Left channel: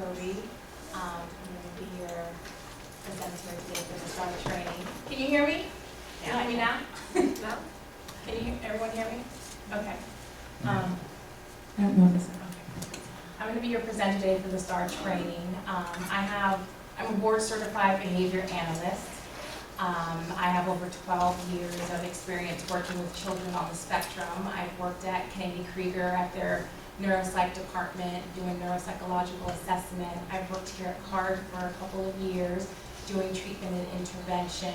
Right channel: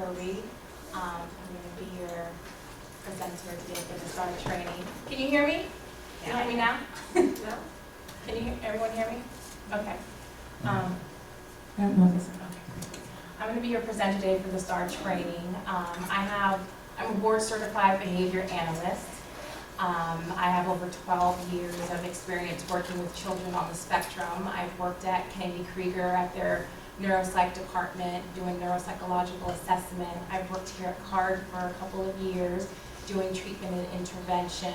Kirby. I'm going to be your presenter today for the STAR training. Can you hear me? Can you hear me now? No? Can you everyone hear me? Okay. Okay. I'm going to be your presenter today for the STAR training. I'm a board certified behavior analyst. I have over 12 years of experience working with children on the spectrum. I've worked at Krieger at their neuropsych department doing neuropsychological assessment. I've worked here at CARD for a couple of years doing treatment and intervention.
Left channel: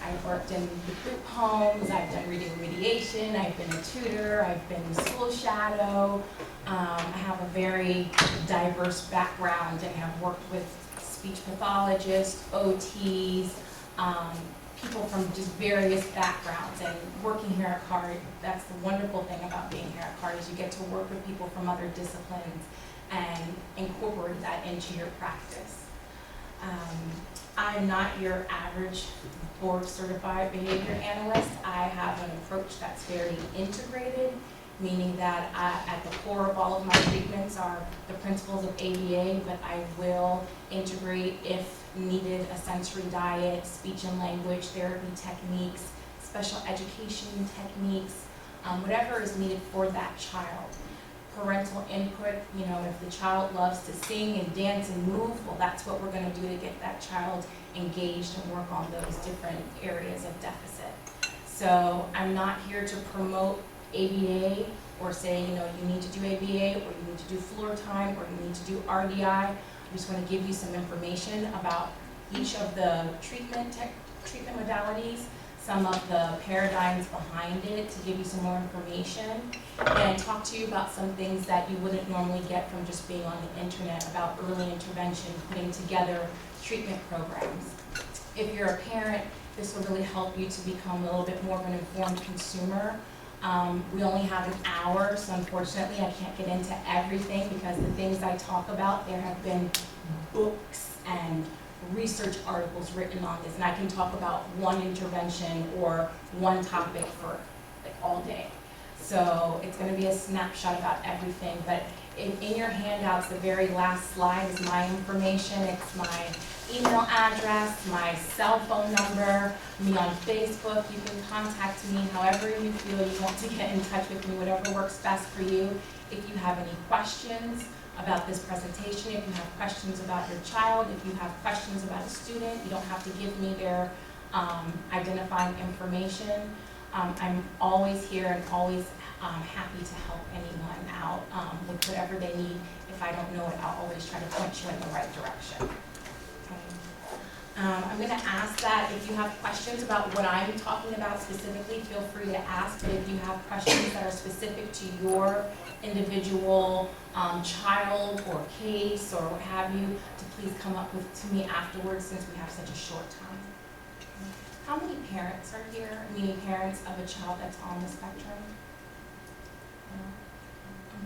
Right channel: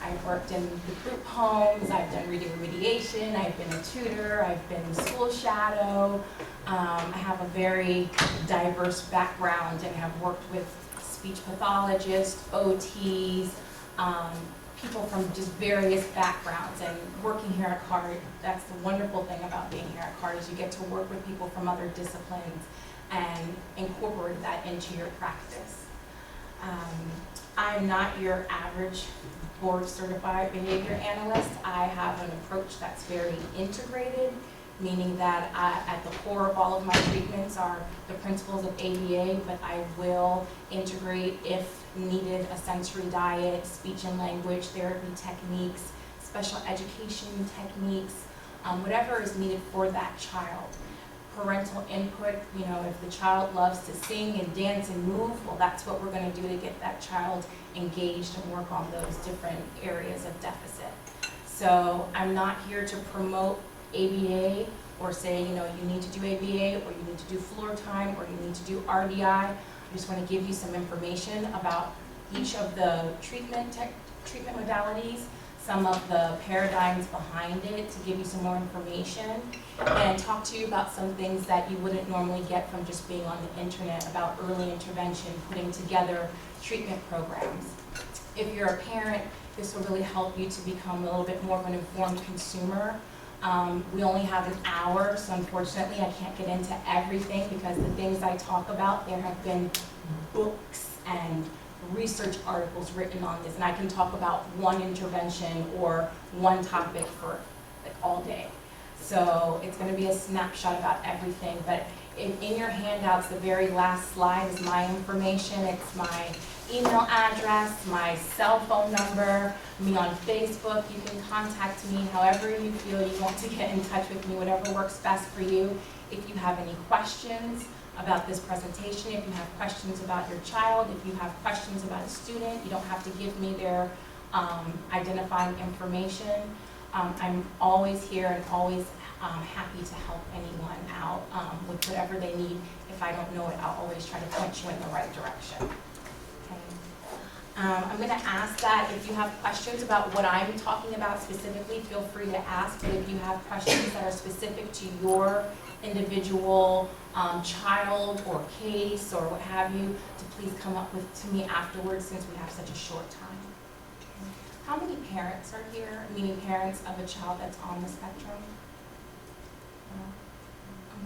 I've worked in the group homes, I've done reading remediation, I've been a tutor, I've been a school shadow. I have a very diverse background and have worked with speech pathologists, OTs, people from just various backgrounds. And working here at CARD, that's the wonderful thing about being here at CARD is you get to work with people from other disciplines and incorporate that into your practice. I'm not your average board certified behavior analyst. I have an approach that's very integrated, meaning that at the core of all of my treatments are the principles of ABA, but I will integrate, if needed, a sensory diet, speech and language therapy techniques, special education techniques, whatever is needed for that child. Parental input, if the child loves to sing and dance and move, well, that's what we're going to do to get that child engaged and work on those different areas of deficit. So I'm not here to promote ABA or say, you need to do ABA or you need to do floor time or you need to do RDI. I just want to give you some information about each of the treatment modalities, some of the paradigms behind it to give you some more information, and talk to you about some things that you wouldn't normally get from just being on the internet about early intervention, putting together treatment programs. If you're a parent, this will really help you to become a little bit more of an informed consumer. We only have an hour, so unfortunately I can't get into everything because the things I talk about, there have been books and research articles written on this, and I can talk about one intervention or one topic for all day. So it's going to be a snapshot about everything, but in your handouts, the very last slide is my information. It's my email address, my cell phone number, me on Facebook. You can contact me however you feel you want to get in touch with me, whatever works best for you. If you have any questions about this presentation, if you have questions about your child, if you have questions about a student, you don't have to give me their identifying information. I'm always here and always happy to help anyone out with whatever they need. If I don't know it, I'll always try to point you in the right direction. Okay. I'm going to ask that if you have questions about what I'm talking about specifically, feel free to ask. But if you have questions that are specific to your individual child or case or what have you, to please come up to me afterwards since we have such a short time. Okay. How many parents are here, meaning parents of a child that's on the spectrum? No?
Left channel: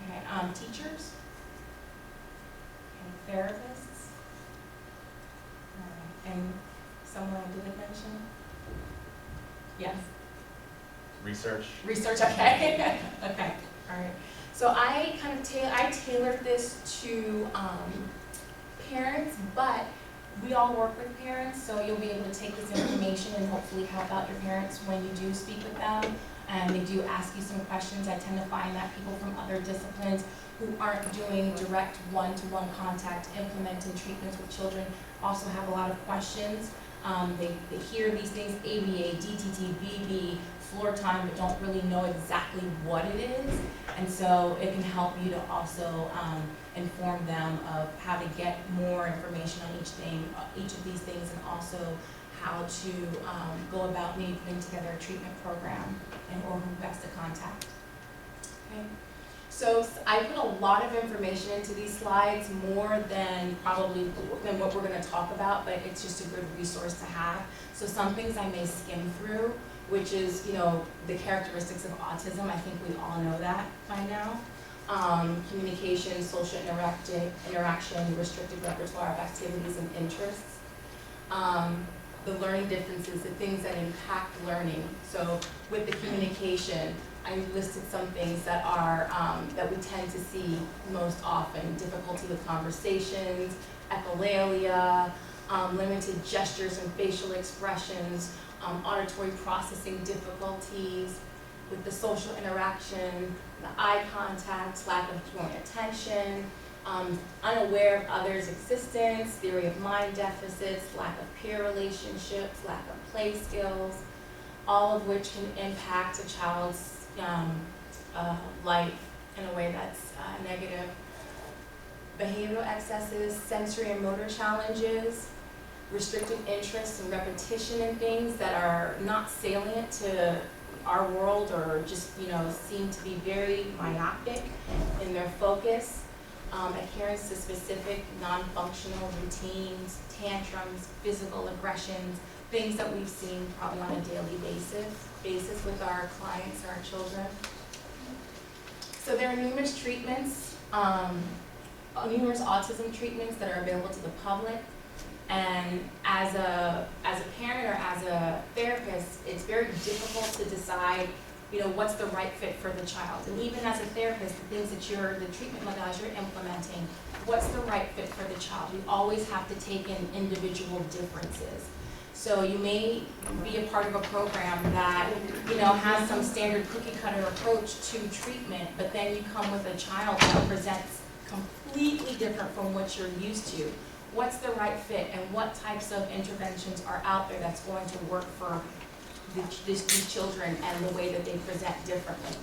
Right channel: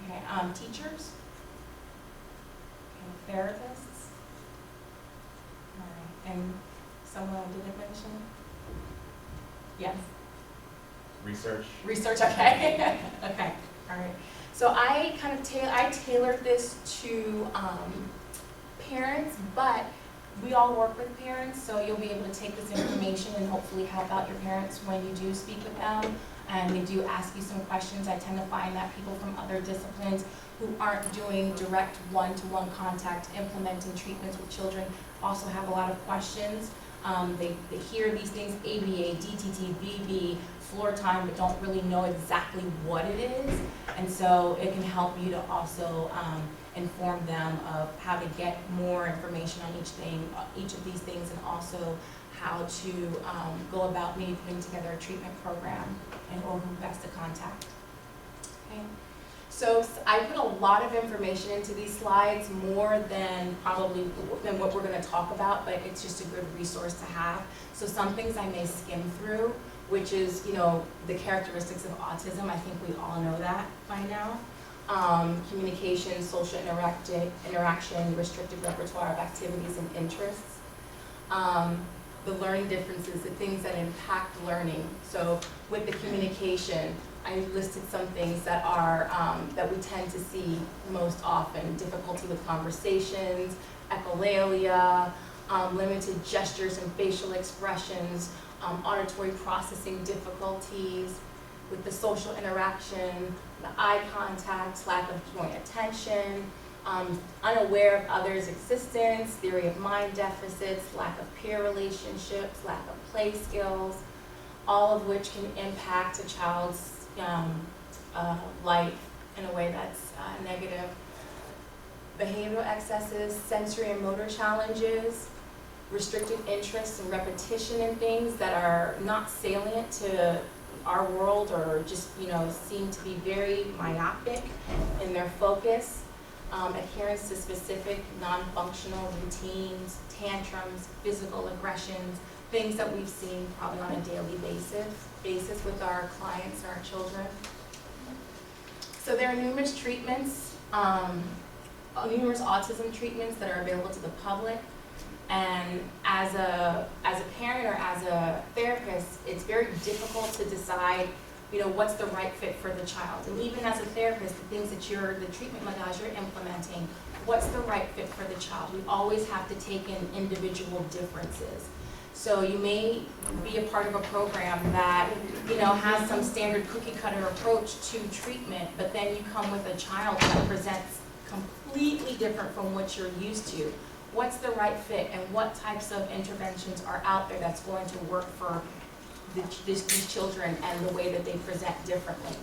Okay. Teachers? Okay. Therapists? All right. And someone I didn't mention? Yes? Research. Research, okay. Okay, all right. So I kind of tailored this to parents, but we all work with parents, so you'll be able to take this information and hopefully help out your parents when you do speak with them. And they do ask you some questions. I tend to find that people from other disciplines who aren't doing direct one-to-one contact implementing treatments with children also have a lot of questions. They hear these things, ABA, DTT, BB, floor time, but don't really know exactly what it is. And so it can help you to also inform them of how to get more information on each of these things, and also how to go about maybe putting together a treatment program or who best to contact. Okay. So I put a lot of information into these slides, more than what we're going to talk about, but it's just a good resource to have. So some things I may skim through, which is, the characteristics of autism. I think we all know that by now. Communication, social interaction, restricted repertoire of activities and interests. The learning differences, the things that impact learning. So with the communication, I listed some things that are, that we tend to see most often: difficulty with conversations, echolalia, limited gestures and facial expressions, auditory processing difficulties with the social interaction, the eye contact, lack of joint attention, unaware of others' existence, theory of mind deficits, lack of peer relationships, lack of play skills, all of which can impact a child's life in a way that's negative. Behavioral excesses, sensory and motor challenges, restricted interest and repetition in things that are not salient to our world, or just, seem to be very myopic in their focus, adherence to specific non-functional routines, tantrums, physical aggressions, things that we've seen probably on a daily basis with our clients and our children. So there are numerous treatments, numerous autism treatments that are available to the public. And as a parent or as a therapist, it's very difficult to decide, what's the right fit for the child. And even as a therapist, the things that the treatment modalities you're implementing, what's the right fit for the child? We always have to take in individual differences. So you may be a part of a program that, has some standard cookie cutter approach to treatment, but then you come with a child that presents completely different from what you're used to. What's the right fit, and what types of interventions are out there that's going to work for these children and the way that they present differently.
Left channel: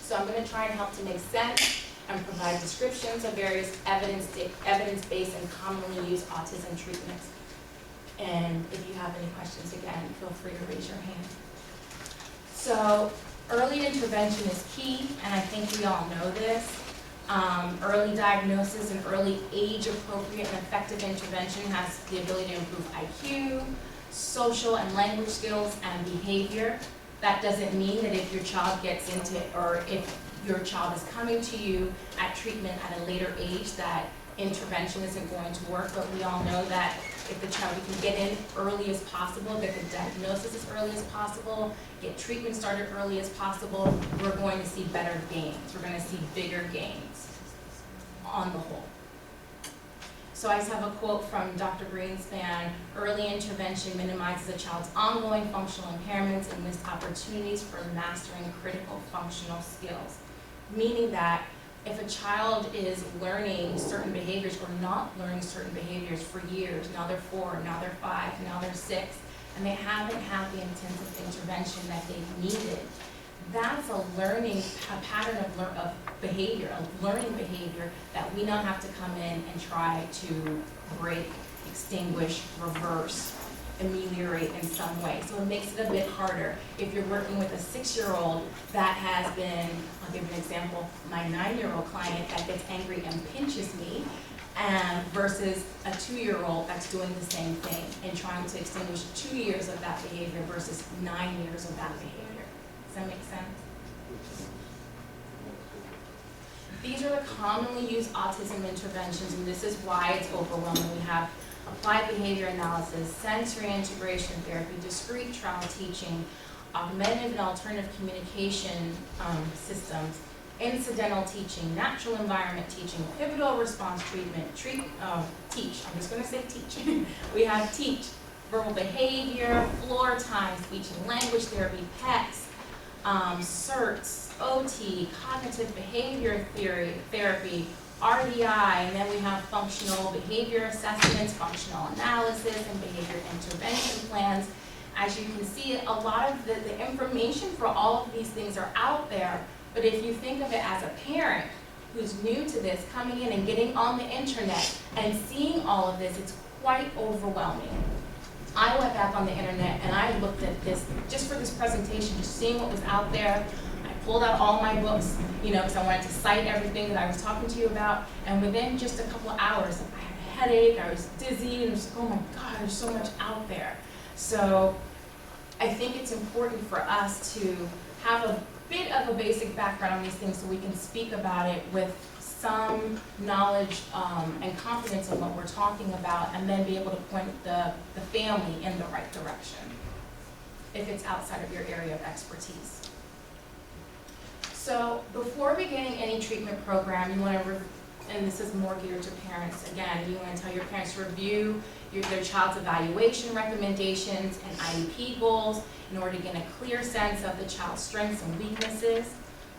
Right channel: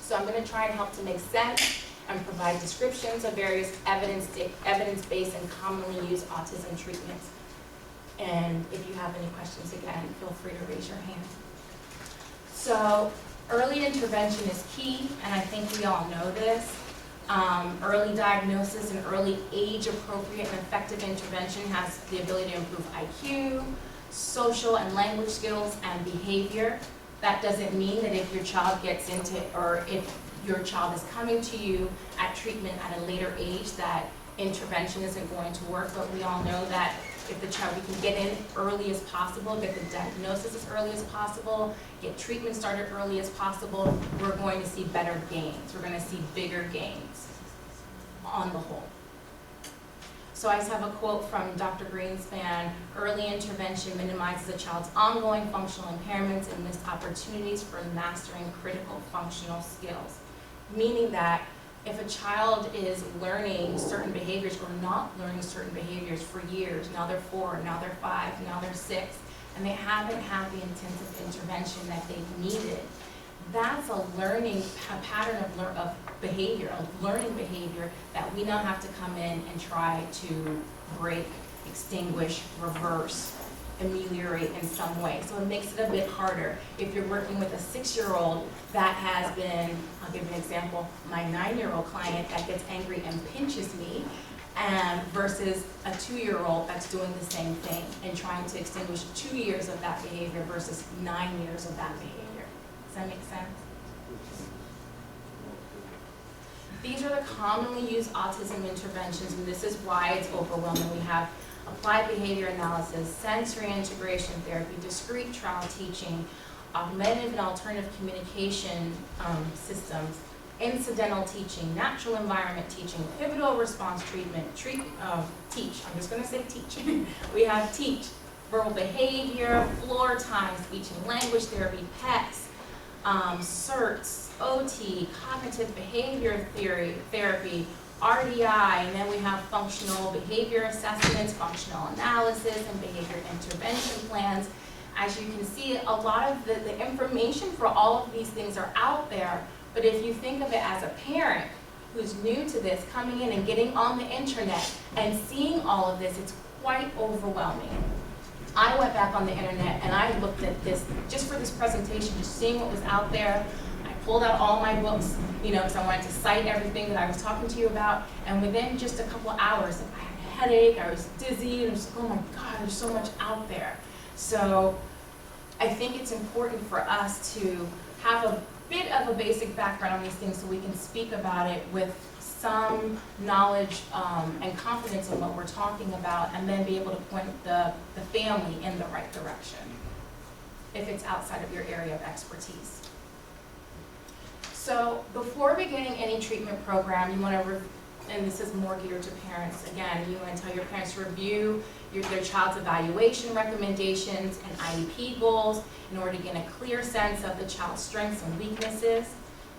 So I'm going to try and help to make sense and provide descriptions of various evidence-based and commonly used autism treatments. And if you have any questions, again, feel free to raise your hand. So early intervention is key, and I think we all know this. Early diagnosis and early age-appropriate and effective intervention has the ability to improve IQ, social and language skills, and behavior. That doesn't mean that if your child gets into, or if your child is coming to you at treatment at a later age, that intervention isn't going to work, but we all know that if the child, we can get in early as possible, get the diagnosis as early as possible, get treatment started early as possible, we're going to see better gains. We're going to see bigger gains on the whole. So I just have a quote from Dr. Greenspan: early intervention minimizes a child's ongoing functional impairments and missed opportunities for mastering critical functional skills. Meaning that if a child is learning certain behaviors or not learning certain behaviors for years, now they're 4, now they're 5, now they're 6, and they haven't had the intensive intervention that they've needed, that's a learning pattern of behavior, a learning behavior that we now have to come in and try to break, extinguish, reverse, ameliorate in some way. So it makes it a bit harder. If you're working with a 6-year-old that has been, I'll give you an example, my 9-year-old client that gets angry and pinches me, versus a 2-year-old that's doing the same thing and trying to extinguish 2 years of that behavior versus 9 years of that behavior. Does that make sense? These are the commonly used autism interventions, and this is why it's overwhelming. We have applied behavior analysis, sensory integration therapy, discrete trial teaching, augmentative and alternative communication systems, incidental teaching, natural environment teaching, pivotal response treatment, teach, I'm just going to say teach. We have teach, verbal behavior, floor time, speech and language therapy, PECS, CERTS, OT, cognitive behavior therapy, RDI, and then we have functional behavior assessments, functional analysis, and behavior intervention plans. As you can see, a lot of the information for all of these things are out there, but if you think of it as a parent who's new to this, coming in and getting on the internet and seeing all of this, it's quite overwhelming. I went back on the internet and I looked at this, just for this presentation, just seeing what was out there. I pulled out all my books, because I wanted to cite everything that I was talking to you about, and within just a couple of hours, I had a headache, I was dizzy, and I was like, oh my God, there's so much out there. So I think it's important for us to have a bit of a basic background on these things so we can speak about it with some knowledge and confidence in what we're talking about, and then be able to point the family in the right direction if it's outside of your area of expertise. So before beginning any treatment program, you want to, and this is more geared to parents, again, you want to tell your parents to review their child's evaluation recommendations and IEP goals in order to gain a clear sense of the child's strengths and weaknesses.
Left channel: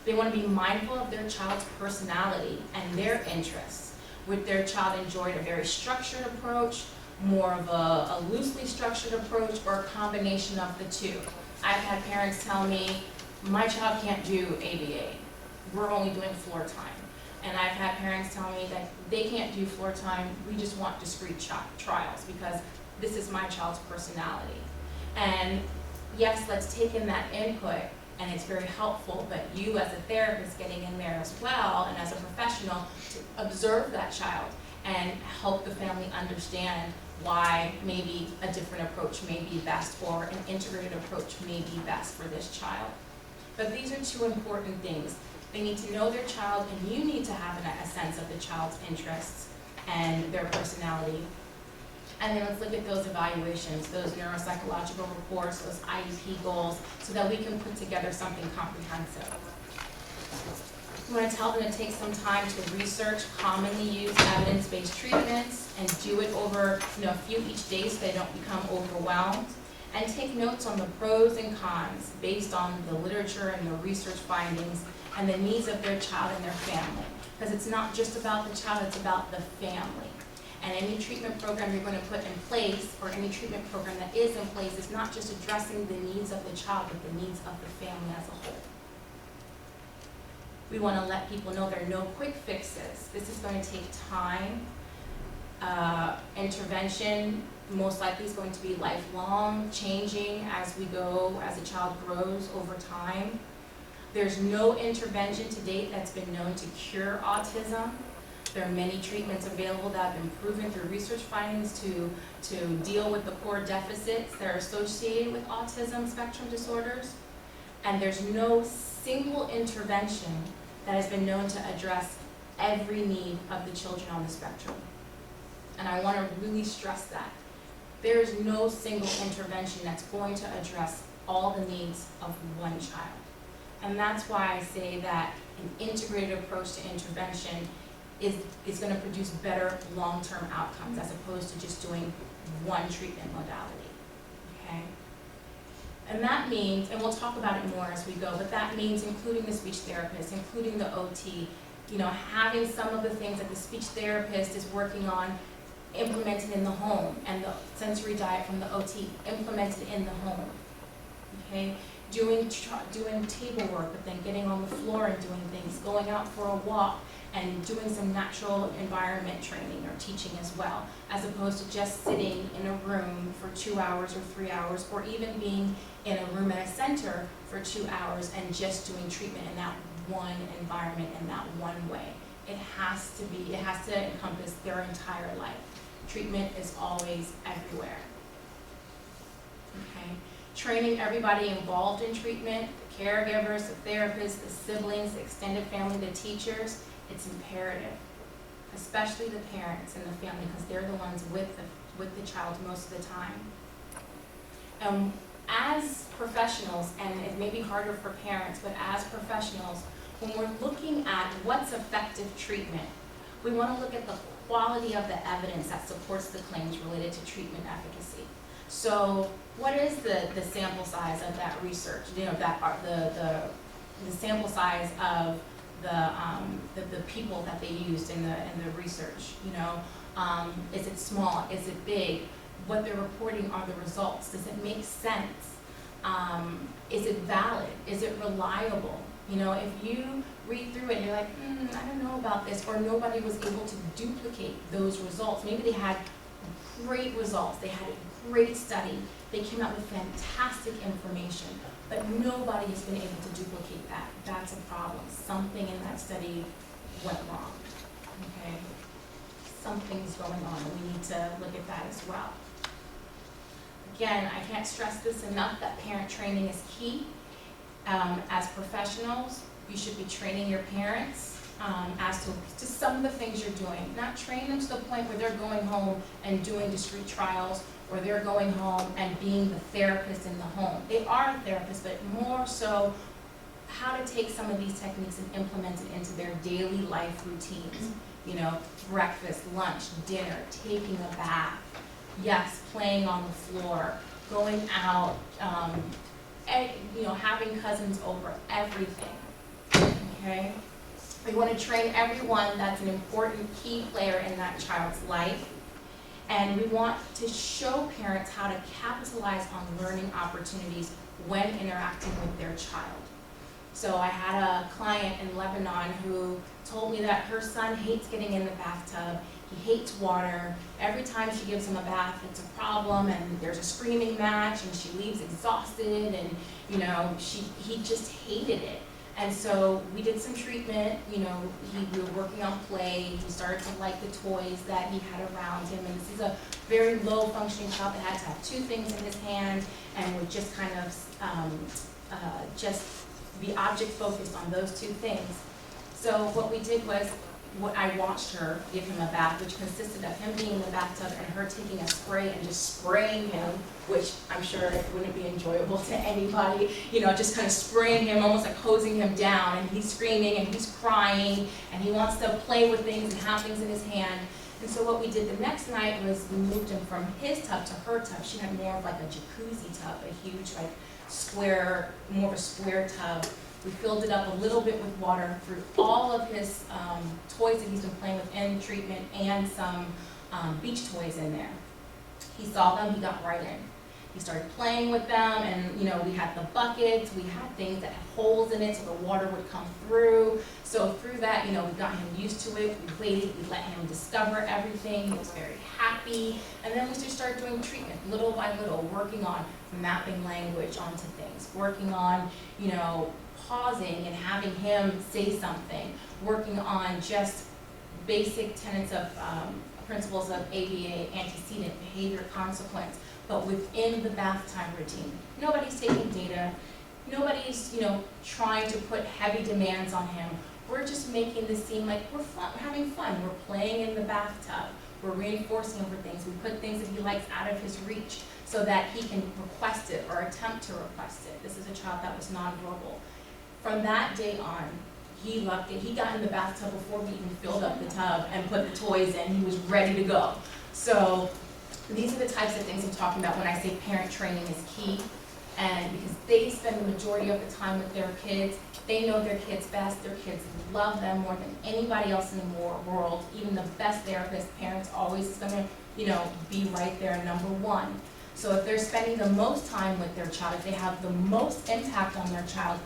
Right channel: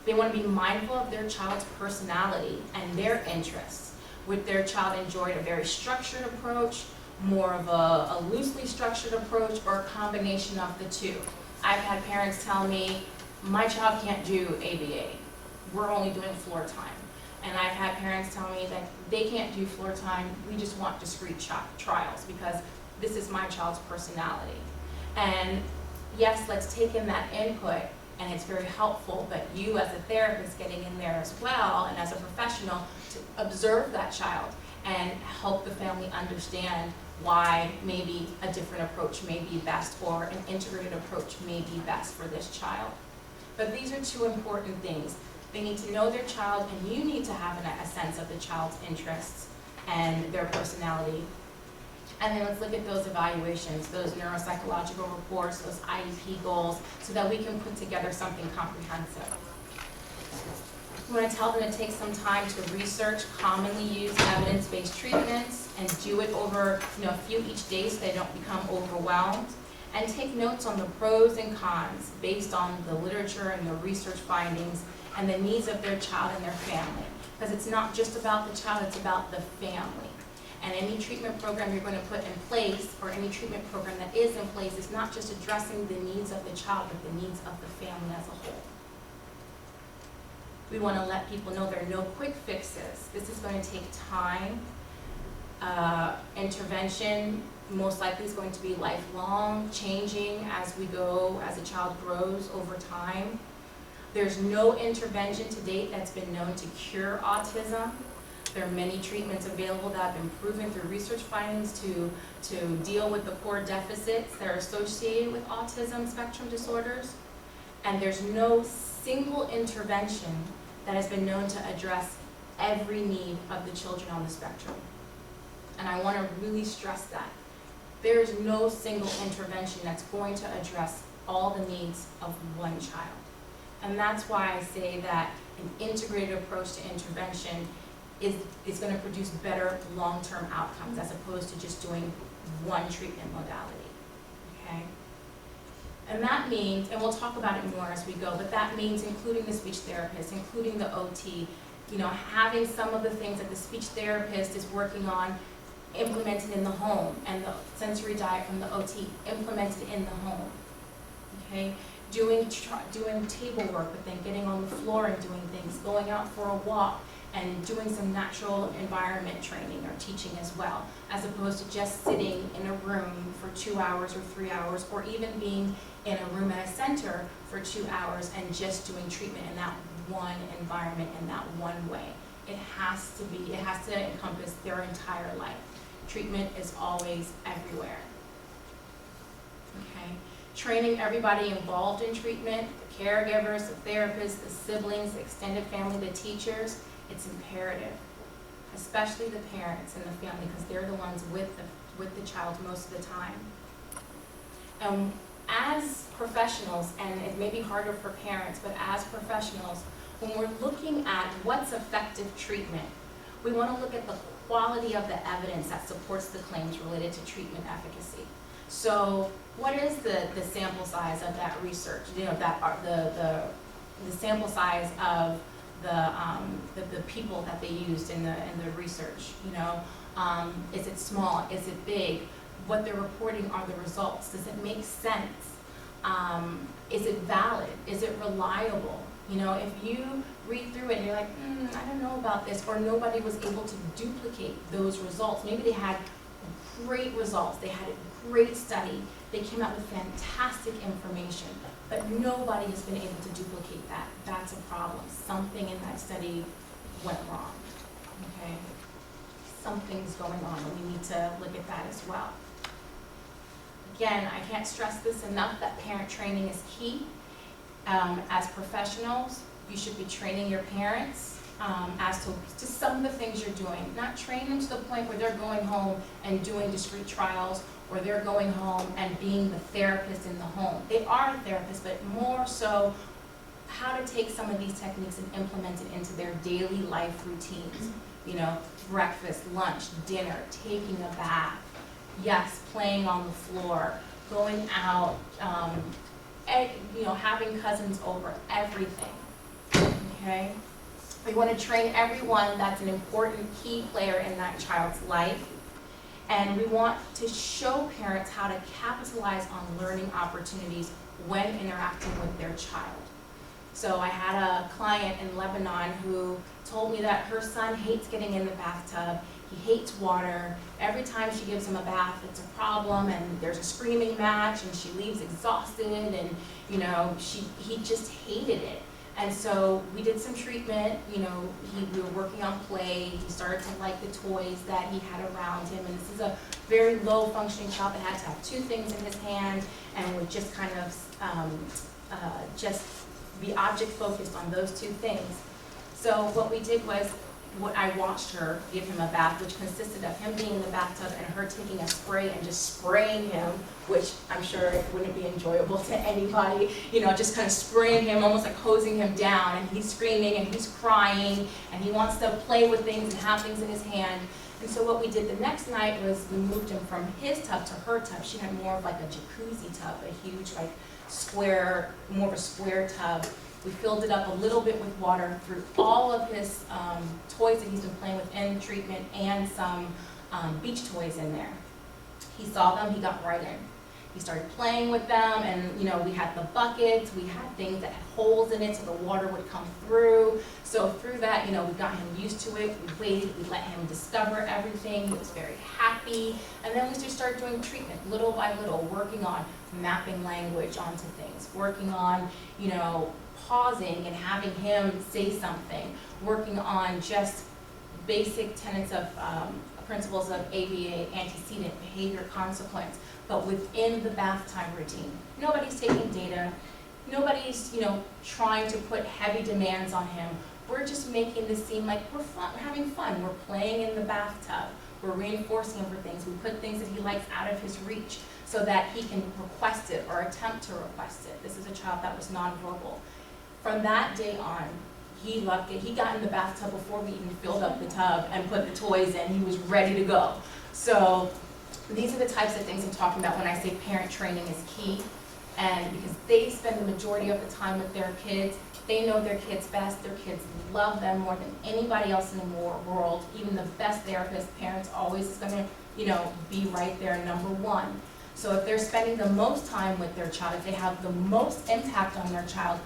They want to be mindful of their child's personality and their interests. Would their child enjoy a very structured approach, more of a loosely structured approach, or a combination of the two? I've had parents tell me, my child can't do ABA. We're only doing floor time. And I've had parents tell me that they can't do floor time, we just want discrete trials because this is my child's personality. And yes, let's take in that input, and it's very helpful, but you as a therapist getting in there as well, and as a professional, to observe that child and help the family understand why maybe a different approach may be best, or an integrated approach may be best for this child. But these are two important things. They need to know their child, and you need to have a sense of the child's interests and their personality. And then let's look at those evaluations, those neuropsychological reports, those IEP goals, so that we can put together something comprehensive. We want to tell them to take some time to research commonly used evidence-based treatments and do it over a few each day so they don't become overwhelmed. And take notes on the pros and cons based on the literature and the research findings and the needs of their child and their family. Because it's not just about the child, it's about the family. And any treatment program you're going to put in place, or any treatment program that is in place, is not just addressing the needs of the child, but the needs of the family as a whole. We want to let people know there are no quick fixes. This is going to take time. Intervention most likely is going to be lifelong, changing as we go, as a child grows over time. There's no intervention to date that's been known to cure autism. There are many treatments available that have been proven through research findings to deal with the core deficits that are associated with autism spectrum disorders. And there's no single intervention that has been known to address every need of the children on the spectrum. And I want to really stress that. There is no single intervention that's going to address all the needs of one child. And that's why I say that an integrated approach to intervention is going to produce better long-term outcomes as opposed to just doing one treatment modality, okay? And that means, and we'll talk about it more as we go, but that means including the speech therapist, including the OT, having some of the things that the speech therapist is working on implemented in the home, and the sensory diet from the OT implemented in the home, okay? Doing table work, but then getting on the floor and doing things, going out for a walk, and doing some natural environment training or teaching as well, as opposed to just sitting in a room for 2 hours or 3 hours, or even being in a room at a center for 2 hours and just doing treatment in that one environment in that one way. It has to encompass their entire life. Treatment is always everywhere, okay? Training everybody involved in treatment, the caregivers, the therapists, the siblings, the extended family, the teachers, it's imperative, especially the parents and the family, because they're the ones with the child most of the time. As professionals, and it may be harder for parents, but as professionals, when we're looking at what's effective treatment, we want to look at the quality of the evidence that supports the claims related to treatment efficacy. So what is the sample size of that research? The sample size of the people that they used in the research. Is it small? Is it big? What they're reporting are the results. Does it make sense? Is it valid? Is it reliable? If you read through it and you're like, I don't know about this, or nobody was able to duplicate those results. Maybe they had great results. They had a great study. They came out with fantastic information, but nobody has been able to duplicate that. That's a problem. Something in that study went wrong, okay? Something's going on, and we need to look at that as well. Again, I can't stress this enough that parent training is key. As professionals, you should be training your parents as to some of the things you're doing. Not train them to the point where they're going home and doing discrete trials, or they're going home and being the therapist in the home. They are a therapist, but more so how to take some of these techniques and implement it into their daily life routines. You know, breakfast, lunch, dinner, taking a bath, yes, playing on the floor, going out, you know, having cousins over, everything, okay? We want to train everyone that's an important key player in that child's life. And we want to show parents how to capitalize on learning opportunities when interacting with their child. So I had a client in Lebanon who told me that her son hates getting in the bathtub. He hates water. Every time she gives him a bath, it's a problem, and there's a screaming match, and she leaves exhausted, and you know, he just hated it. And so we did some treatment. You know, we were working on play. He started to like the toys that he had around him, and this is a very low functioning child that had to have two things in his hand and would just kind of just be object focused on those two things. So what we did was, I watched her give him a bath, which consisted of him being in the bathtub and her taking a spray and just spraying him, which I'm sure it wouldn't be enjoyable to anybody, you know, just kind of spraying him, almost like hosing him down, and he's screaming and he's crying and he wants to play with things and have things in his hand. And so what we did the next night was we moved him from his tub to her tub. She had more of like a jacuzzi tub, a huge like square, more of a square tub. We filled it up a little bit with water, threw all of his toys that he's been playing with in treatment and some beach toys in there. He saw them, he got right in. He started playing with them, and you know, we had the buckets, we had things that had holes in it so the water would come through. So through that, you know, we got him used to it, we waited, we let him discover everything, he was very happy, and then we just started doing treatment little by little, working on mapping language onto things, working on, you know, pausing and having him say something, working on just basic tenets of principles of ABA, antecedent, behavior, consequence, but within the bath time routine. Nobody's taking data, nobody's, you know, trying to put heavy demands on him. We're just making this seem like we're fun, we're having fun, we're playing in the bathtub, we're reinforcing him for things, we put things that he likes out of his reach so that he can request it or attempt to request it. This is a child that was nonverbal. From that day on, he loved it. He got in the bathtub before we even filled up the tub and put the toys in. He was ready to go. So these are the types of things I'm talking about when I say parent training is key. And because they spend the majority of the time with their kids, they know their kids best. Their kids love them more than anybody else in the world. Even the best therapist, parents always is going to, you know, be right there, number one. So if they're spending the most time with their child, if they have the most impact on their child,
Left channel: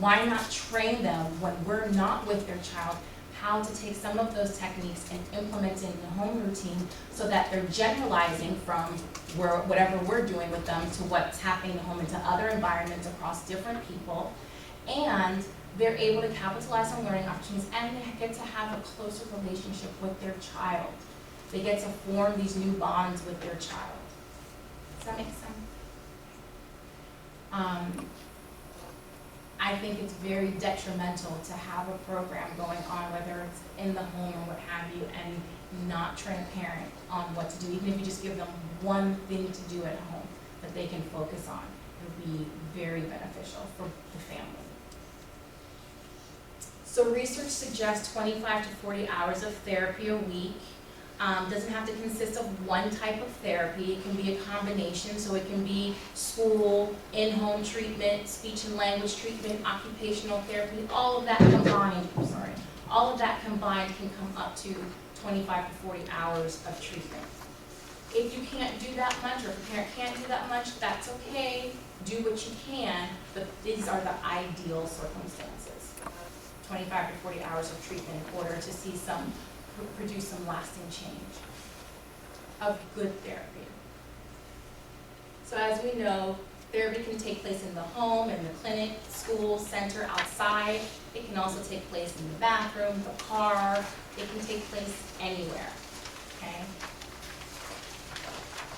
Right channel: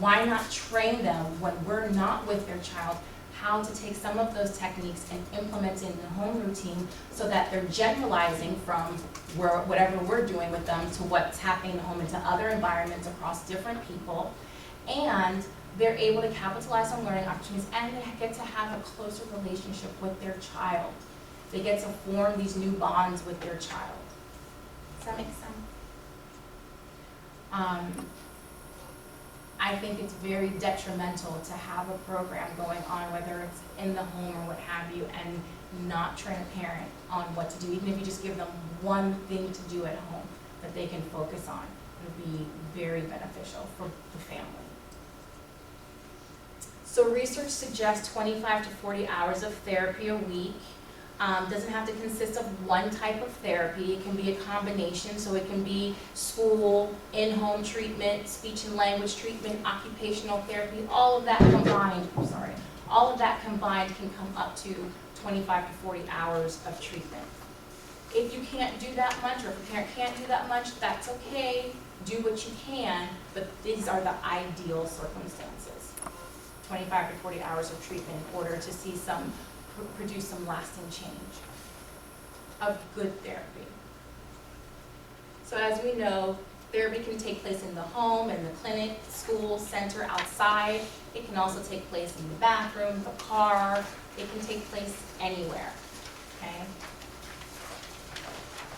why not train them when we're not with their child how to take some of those techniques and implement it in the home routine so that they're generalizing from whatever we're doing with them to what's happening in the home into other environments across different people, and they're able to capitalize on learning opportunities and they get to have a closer relationship with their child. They get to form these new bonds with their child. Does that make sense? I think it's very detrimental to have a program going on, whether it's in the home or what have you, and not train a parent on what to do, even if you just give them one thing to do at home that they can focus on. It'll be very beneficial for the family. So research suggests 25 to 40 hours of therapy a week. Doesn't have to consist of one type of therapy. It can be a combination, so it can be school, in-home treatment, speech and language treatment, occupational therapy, all of that combined, all of that combined can come up to 25 to 40 hours of treatment. If you can't do that much, or if a parent can't do that much, that's okay. Do what you can, but these are the ideal circumstances. 25 to 40 hours of treatment in order to see produce some lasting change of good therapy. So as we know, therapy can take place in the home, in the clinic, school, center, outside. It can also take place in the bathroom, the car. It can take place anywhere, okay?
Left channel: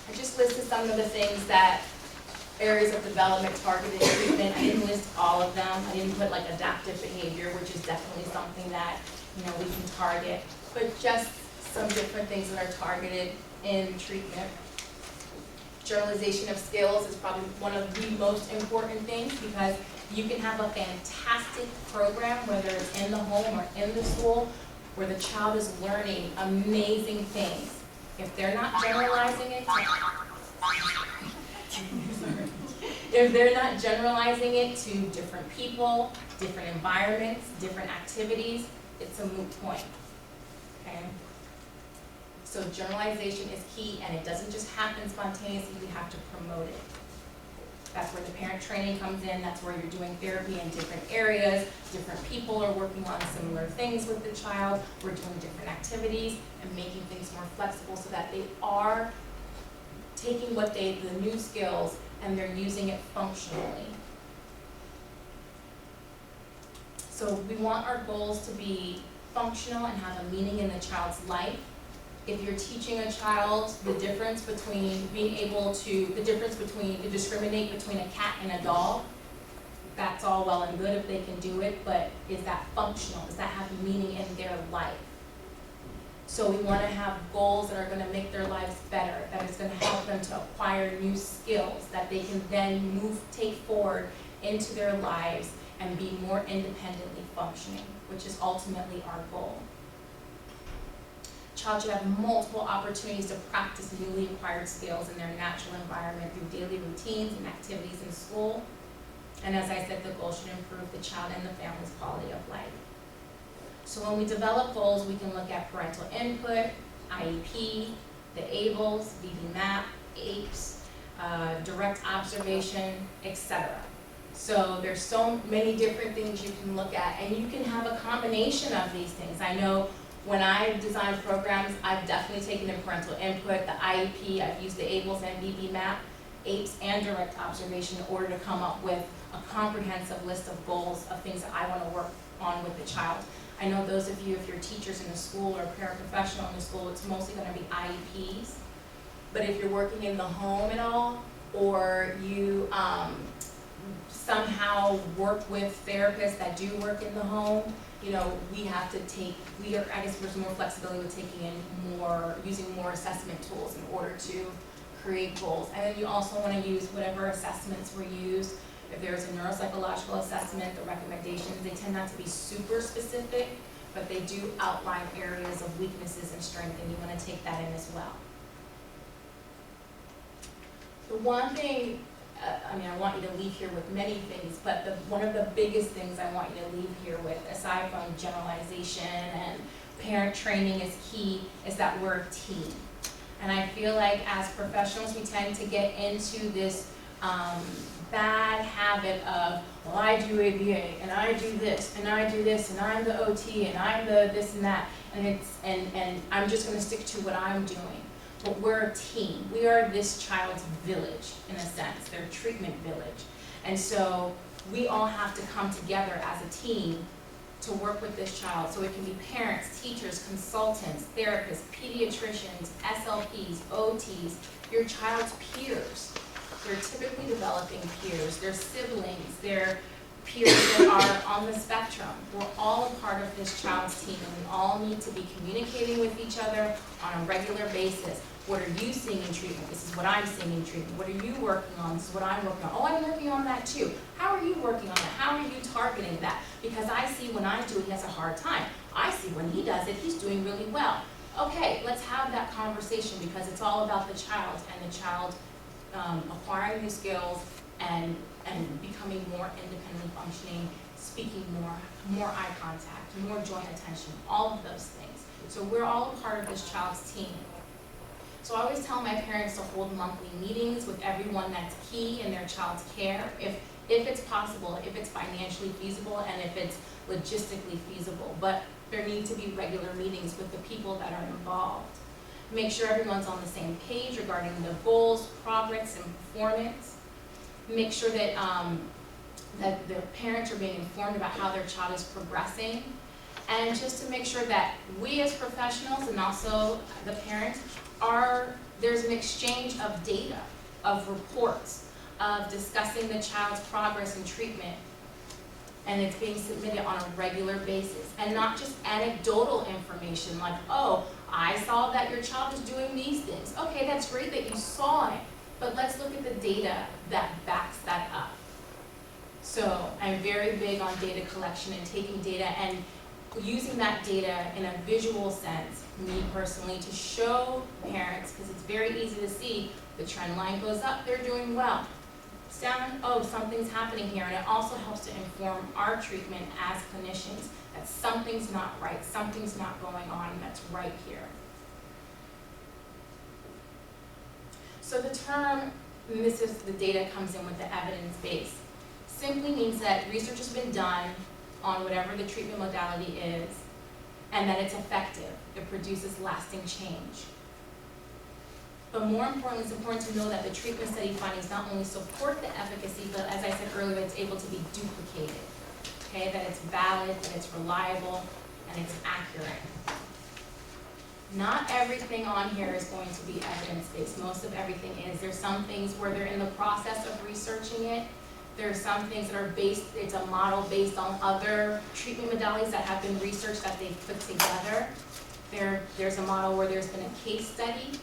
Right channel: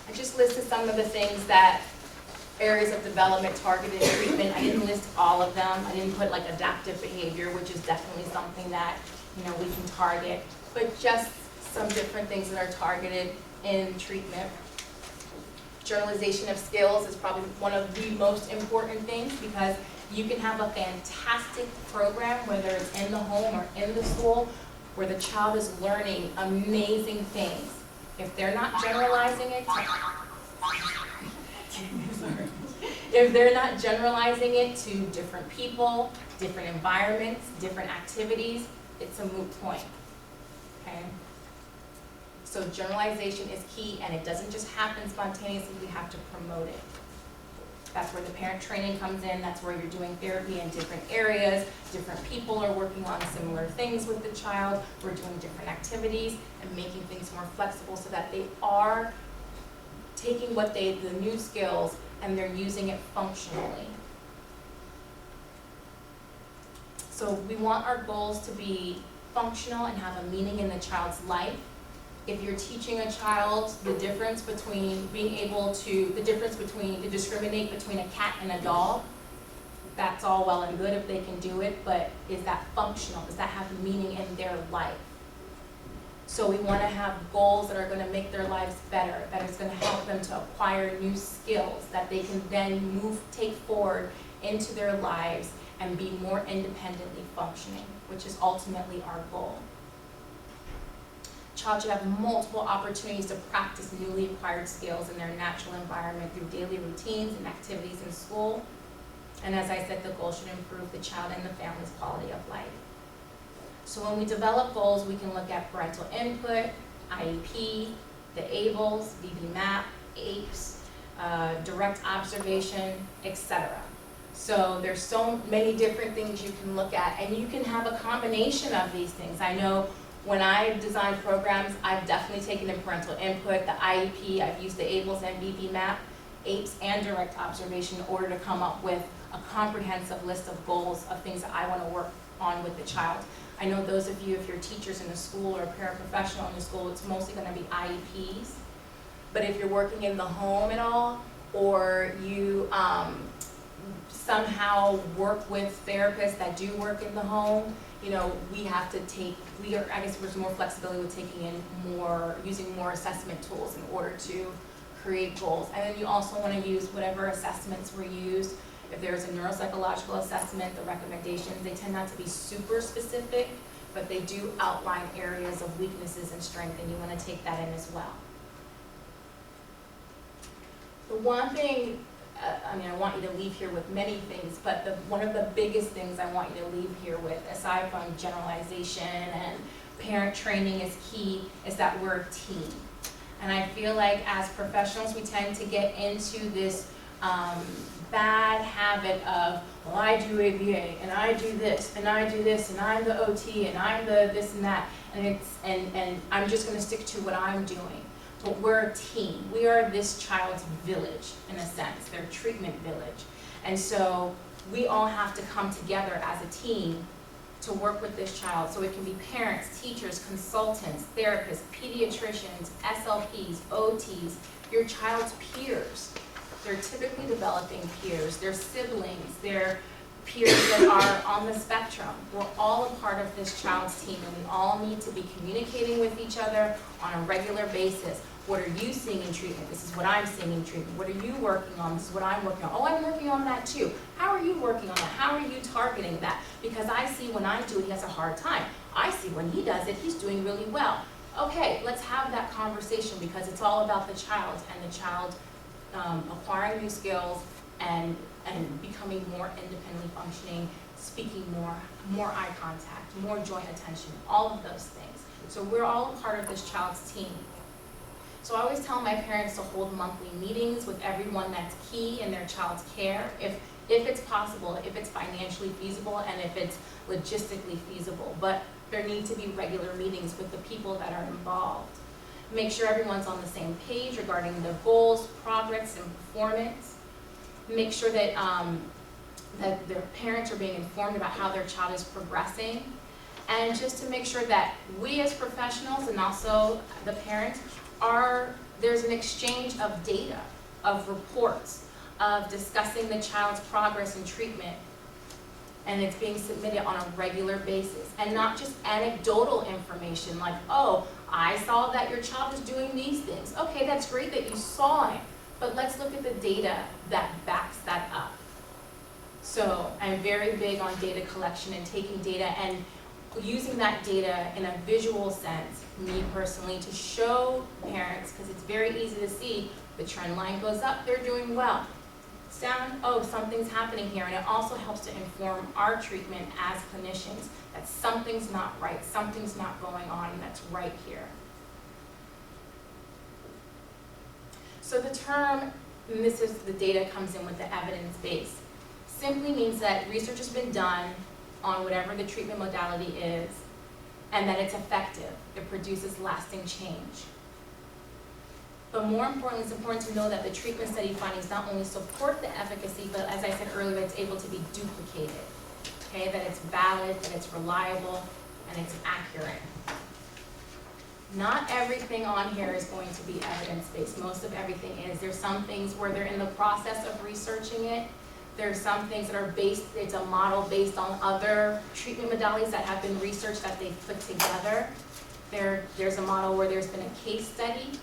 I just listed some of the things that areas of development, targeted treatment. I didn't list all of them. I didn't put like adaptive behavior, which is definitely something that, you know, we can target, but just some different things that are targeted in treatment. Generalization of skills is probably one of the most important things, because you can have a fantastic program, whether it's in the home or in the school, where the child is learning amazing things. If they're not generalizing it if they're not generalizing it to different people, different environments, different activities, it's a moot point, okay? So generalization is key, and it doesn't just happen spontaneously, we have to promote it. That's where the parent training comes in, that's where you're doing therapy in different areas, different people are working on similar things with the child, we're doing different activities and making things more flexible so that they are taking the new skills and they're using it functionally. So we want our goals to be functional and have a meaning in the child's life. If you're teaching a child the difference between to discriminate between a cat and a dog, that's all well and good if they can do it, but is that functional? Does that have meaning in their life? So we want to have goals that are going to make their lives better, that is going to help them to acquire new skills that they can then take forward into their lives and be more independently functioning, which is ultimately our goal. Child should have multiple opportunities to practice newly acquired skills in their natural environment through daily routines and activities in school. And as I said, the goal should improve the child and the family's quality of life. So when we develop goals, we can look at parental input, IEP, the ABLES, VB-MAP, APES, direct observation, etc. So there's so many different things you can look at, and you can have a combination of these things. I know when I design programs, I've definitely taken in parental input, the IEP, I've used the ABLES and VB-MAP, APES, and direct observation in order to come up with a comprehensive list of goals of things that I want to work on with the child. I know those of you, if you're teachers in the school or a paraprofessional in the school, it's mostly going to be IEPs. But if you're working in the home at all, or you somehow work with therapists that do work in the home, you know, I guess there's more flexibility with using more assessment tools in order to create goals. And then you also want to use whatever assessments were used. If there's a neuropsychological assessment, the recommendations, they tend not to be super specific, but they do outline areas of weaknesses and strength, and you want to take that in as well. The one thing, I want you to leave here with many things, but one of the biggest things I want you to leave here with, aside from generalization and parent training is key, is that we're a team. And I feel like as professionals, we tend to get into this bad habit of, well, I do ABA, and I do this, and I do this, and I'm the OT, and I'm the this and that, and I'm just going to stick to what I'm doing. But we're a team. We are this child's village, in a sense, their treatment village. And so we all have to come together as a team to work with this child. So it can be parents, teachers, consultants, therapists, pediatricians, SLPs, OTs, your child's peers. They're typically developing peers, their siblings, their peers that are on the spectrum. We're all a part of this child's team, and we all need to be communicating with each other on a regular basis. What are you seeing in treatment? This is what I'm seeing in treatment. What are you working on? This is what I'm working on. Oh, I'm working on that too. How are you working on that? How are you targeting that? Because I see when I do it, he has a hard time. I see when he does it, he's doing really well. Okay, let's have that conversation, because it's all about the child and the child acquiring new skills and becoming more independently functioning, speaking more eye contact, more joint attention, all of those things. So we're all a part of this child's team. So I always tell my parents to hold monthly meetings with everyone that's key in their child's care, if it's possible, if it's financially feasible, and if it's logistically feasible. But there need to be regular meetings with the people that are involved. Make sure everyone's on the same page regarding the goals, progress, and performance. Make sure that that their parents are being informed about how their child is progressing, and just to make sure that we as professionals and also the parents there's an exchange of data, of reports, of discussing the child's progress in treatment, and it's being submitted on a regular basis, and not just anecdotal information like, oh, I saw that your child is doing these things. Okay, that's great that you saw it, But let's look at the data that backs that up. So I'm very big on data collection and taking data and using that data in a visual sense, me personally, to show parents, because it's very easy to see the trend line goes up, they're doing well. Sound, oh, something's happening here, and it also helps to inform our treatment as clinicians that something's not right, something's not going on, and that's right here. So the term, and this is the data comes in with the evidence base, simply means that research has been done on whatever the treatment modality is, and that it's effective. It produces lasting change. But more importantly, it's important to know that the treatment study findings not only support the efficacy, but as I said earlier, it's able to be duplicated. Okay, that it's valid, that it's reliable, and it's accurate. Not everything on here is going to be evidence-based. Most of everything is. There's some things where they're in the process of researching it. There's some things that are based, it's a model based on other treatment modalities that have been researched that they've put together. There's a model where there's been a case study,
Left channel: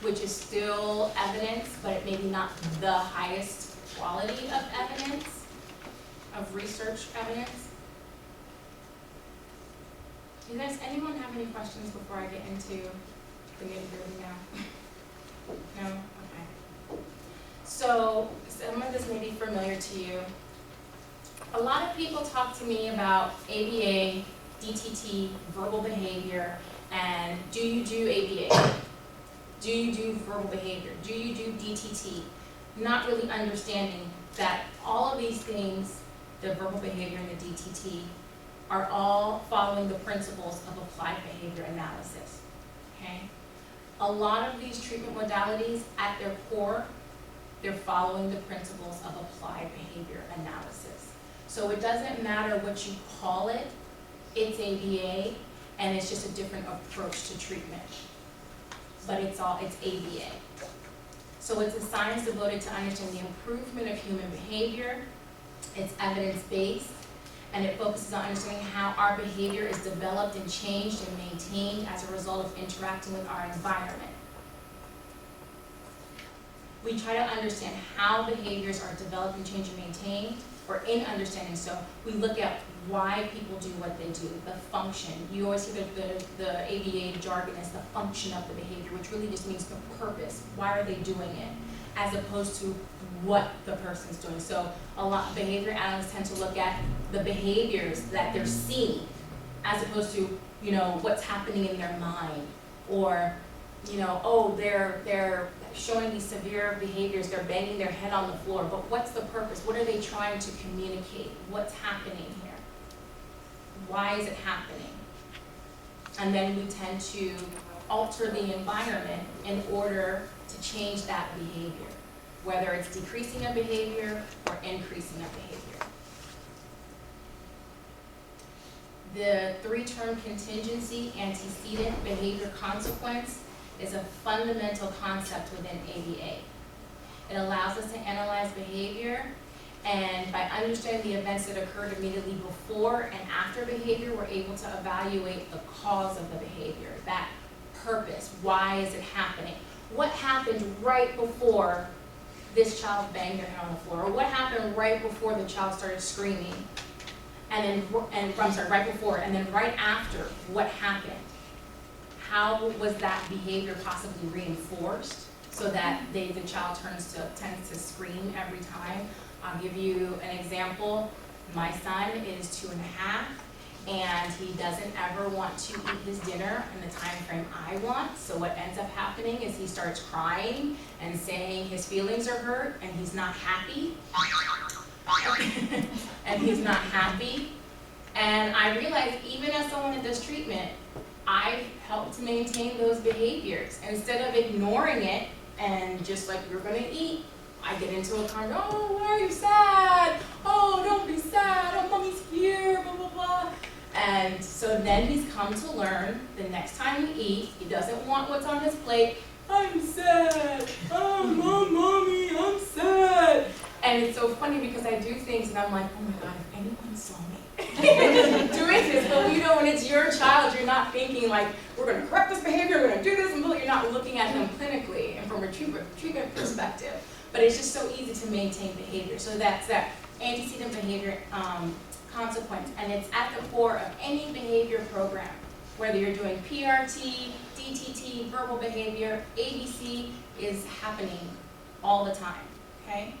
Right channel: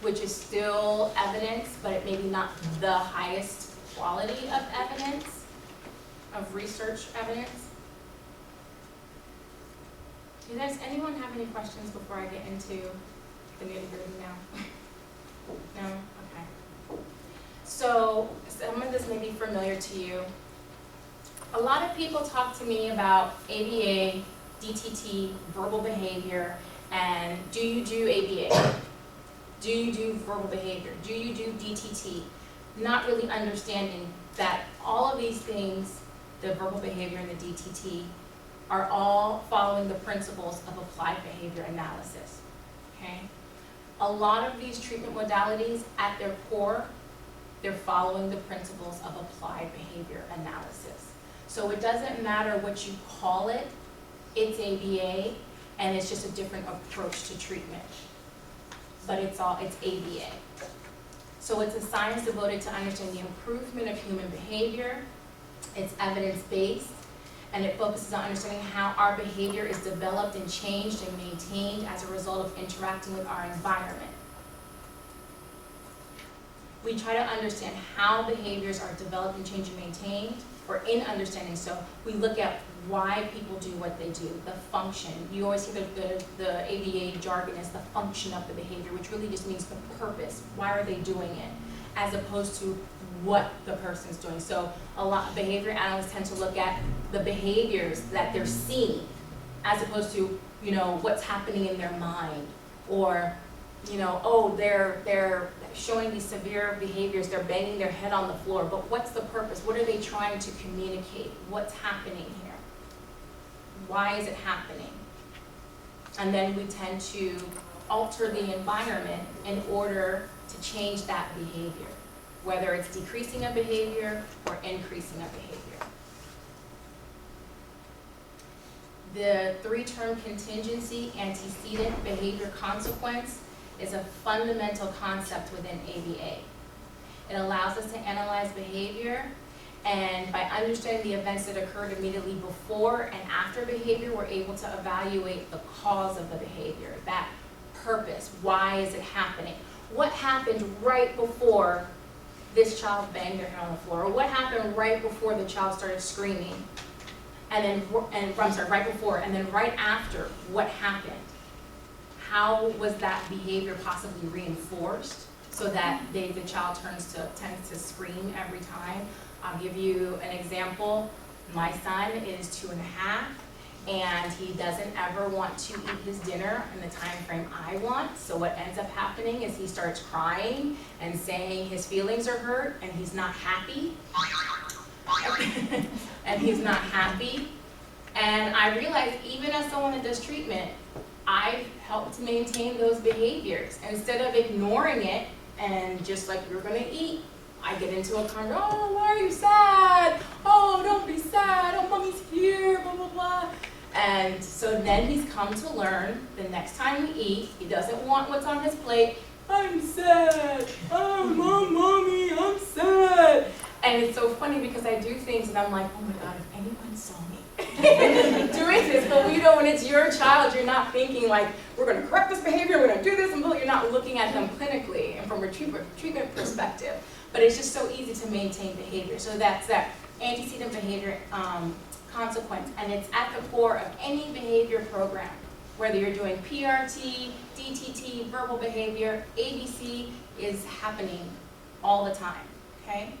which is still evidence, but it may be not the highest quality of evidence, of research evidence. Does anyone have any questions before I get into the nitty-gritty now? No? Okay. So some of this may be familiar to you. A lot of people talk to me about ABA, DTT, verbal behavior, and do you do ABA? Do you do verbal behavior? Do you do DTT? Not really understanding that all of these things, the verbal behavior and the DTT, are all following the principles of applied behavior analysis, okay? A lot of these treatment modalities, at their core, they're following the principles of applied behavior analysis. So it doesn't matter what you call it, it's ABA, and it's just a different approach to treatment. But it's ABA. So it's a science devoted to understanding the improvement of human behavior. It's evidence-based, and it focuses on understanding how our behavior is developed and changed and maintained as a result of interacting with our environment. We try to understand how behaviors are developed and changed and maintained, or in understanding, so we look at why people do what they do, the function. You always hear the ABA jargon as the function of the behavior, which really just means the purpose. Why are they doing it? As opposed to what the person's doing. So a lot of behavior analysts tend to look at the behaviors that they're seeing, as opposed to, you know, what's happening in their mind, or, you know, oh, they're showing these severe behaviors, they're banging their head on the floor, but what's the purpose? What are they trying to communicate? What's happening here? Why is it happening? And then we tend to alter the environment in order to change that behavior, whether it's decreasing a behavior or increasing a behavior. The three-term contingency, antecedent, behavior, consequence is a fundamental concept within ABA. It allows us to analyze behavior, and by understanding the events that occurred immediately before and after behavior, we're able to evaluate the cause of the behavior, that purpose. Why is it happening? What happened right before this child banged their head on the floor? Or what happened right before the child started screaming? Right before, and then right after, what happened? How was that behavior possibly reinforced so that the child tends to scream every time? I'll give you an example. My son is 2.5, and he doesn't ever want to eat his dinner in the time frame I want. So what ends up happening is he starts crying and saying his feelings are hurt, and he's not happy. And he's not happy. And I realized, even as someone that does treatment, I've helped to maintain those behaviors. Instead of ignoring it and just like, you're gonna eat, I get into a kind of, oh, why are you sad? Oh, don't be sad. Oh, mommy's here, blah, blah, blah. And so then he's come to learn the next time we eat, he doesn't want what's on his plate. I'm sad. Oh, mommy, I'm sad. And it's so funny because I do things and I'm like, oh my God, if anyone saw me doing this. But you know, when it's your child, you're not thinking like, we're going to correct this behavior, we're going do this, and you're not looking at them clinically and from a treatment perspective. But it's just so easy to maintain behavior. So that's that antecedent behavior consequence, and it's at the core of any behavior program. Whether you're doing PRT, DTT, verbal behavior, ABC is happening all the time, okay?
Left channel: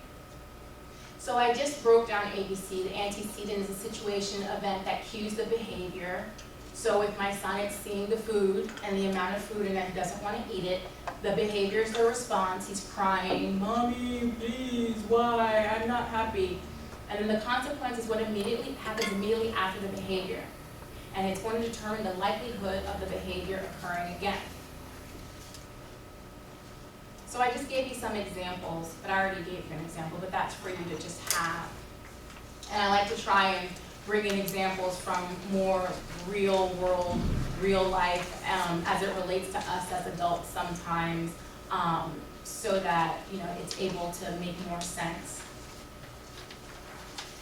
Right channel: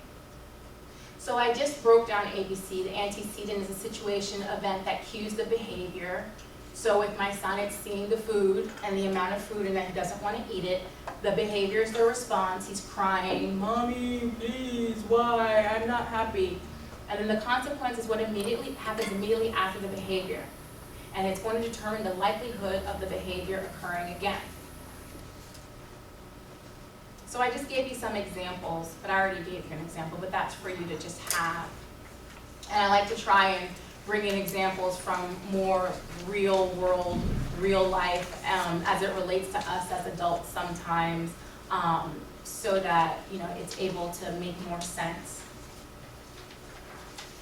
So I just broke down ABC. The antecedent is a situation, event that cues the behavior. So with my son, it's seeing the food and the amount of food and that he doesn't want to eat it. The behavior is the response. He's crying, "Mommy, please, why? I'm not happy." And then the consequence is what happens immediately after the behavior. And it's going to determine the likelihood of the behavior occurring again. So I just gave you some examples, but I already gave you an example, but that's for you to just have. And I like to try and bring in examples from more real world, real life, as it relates to us as adults sometimes, so that it's able to make more sense.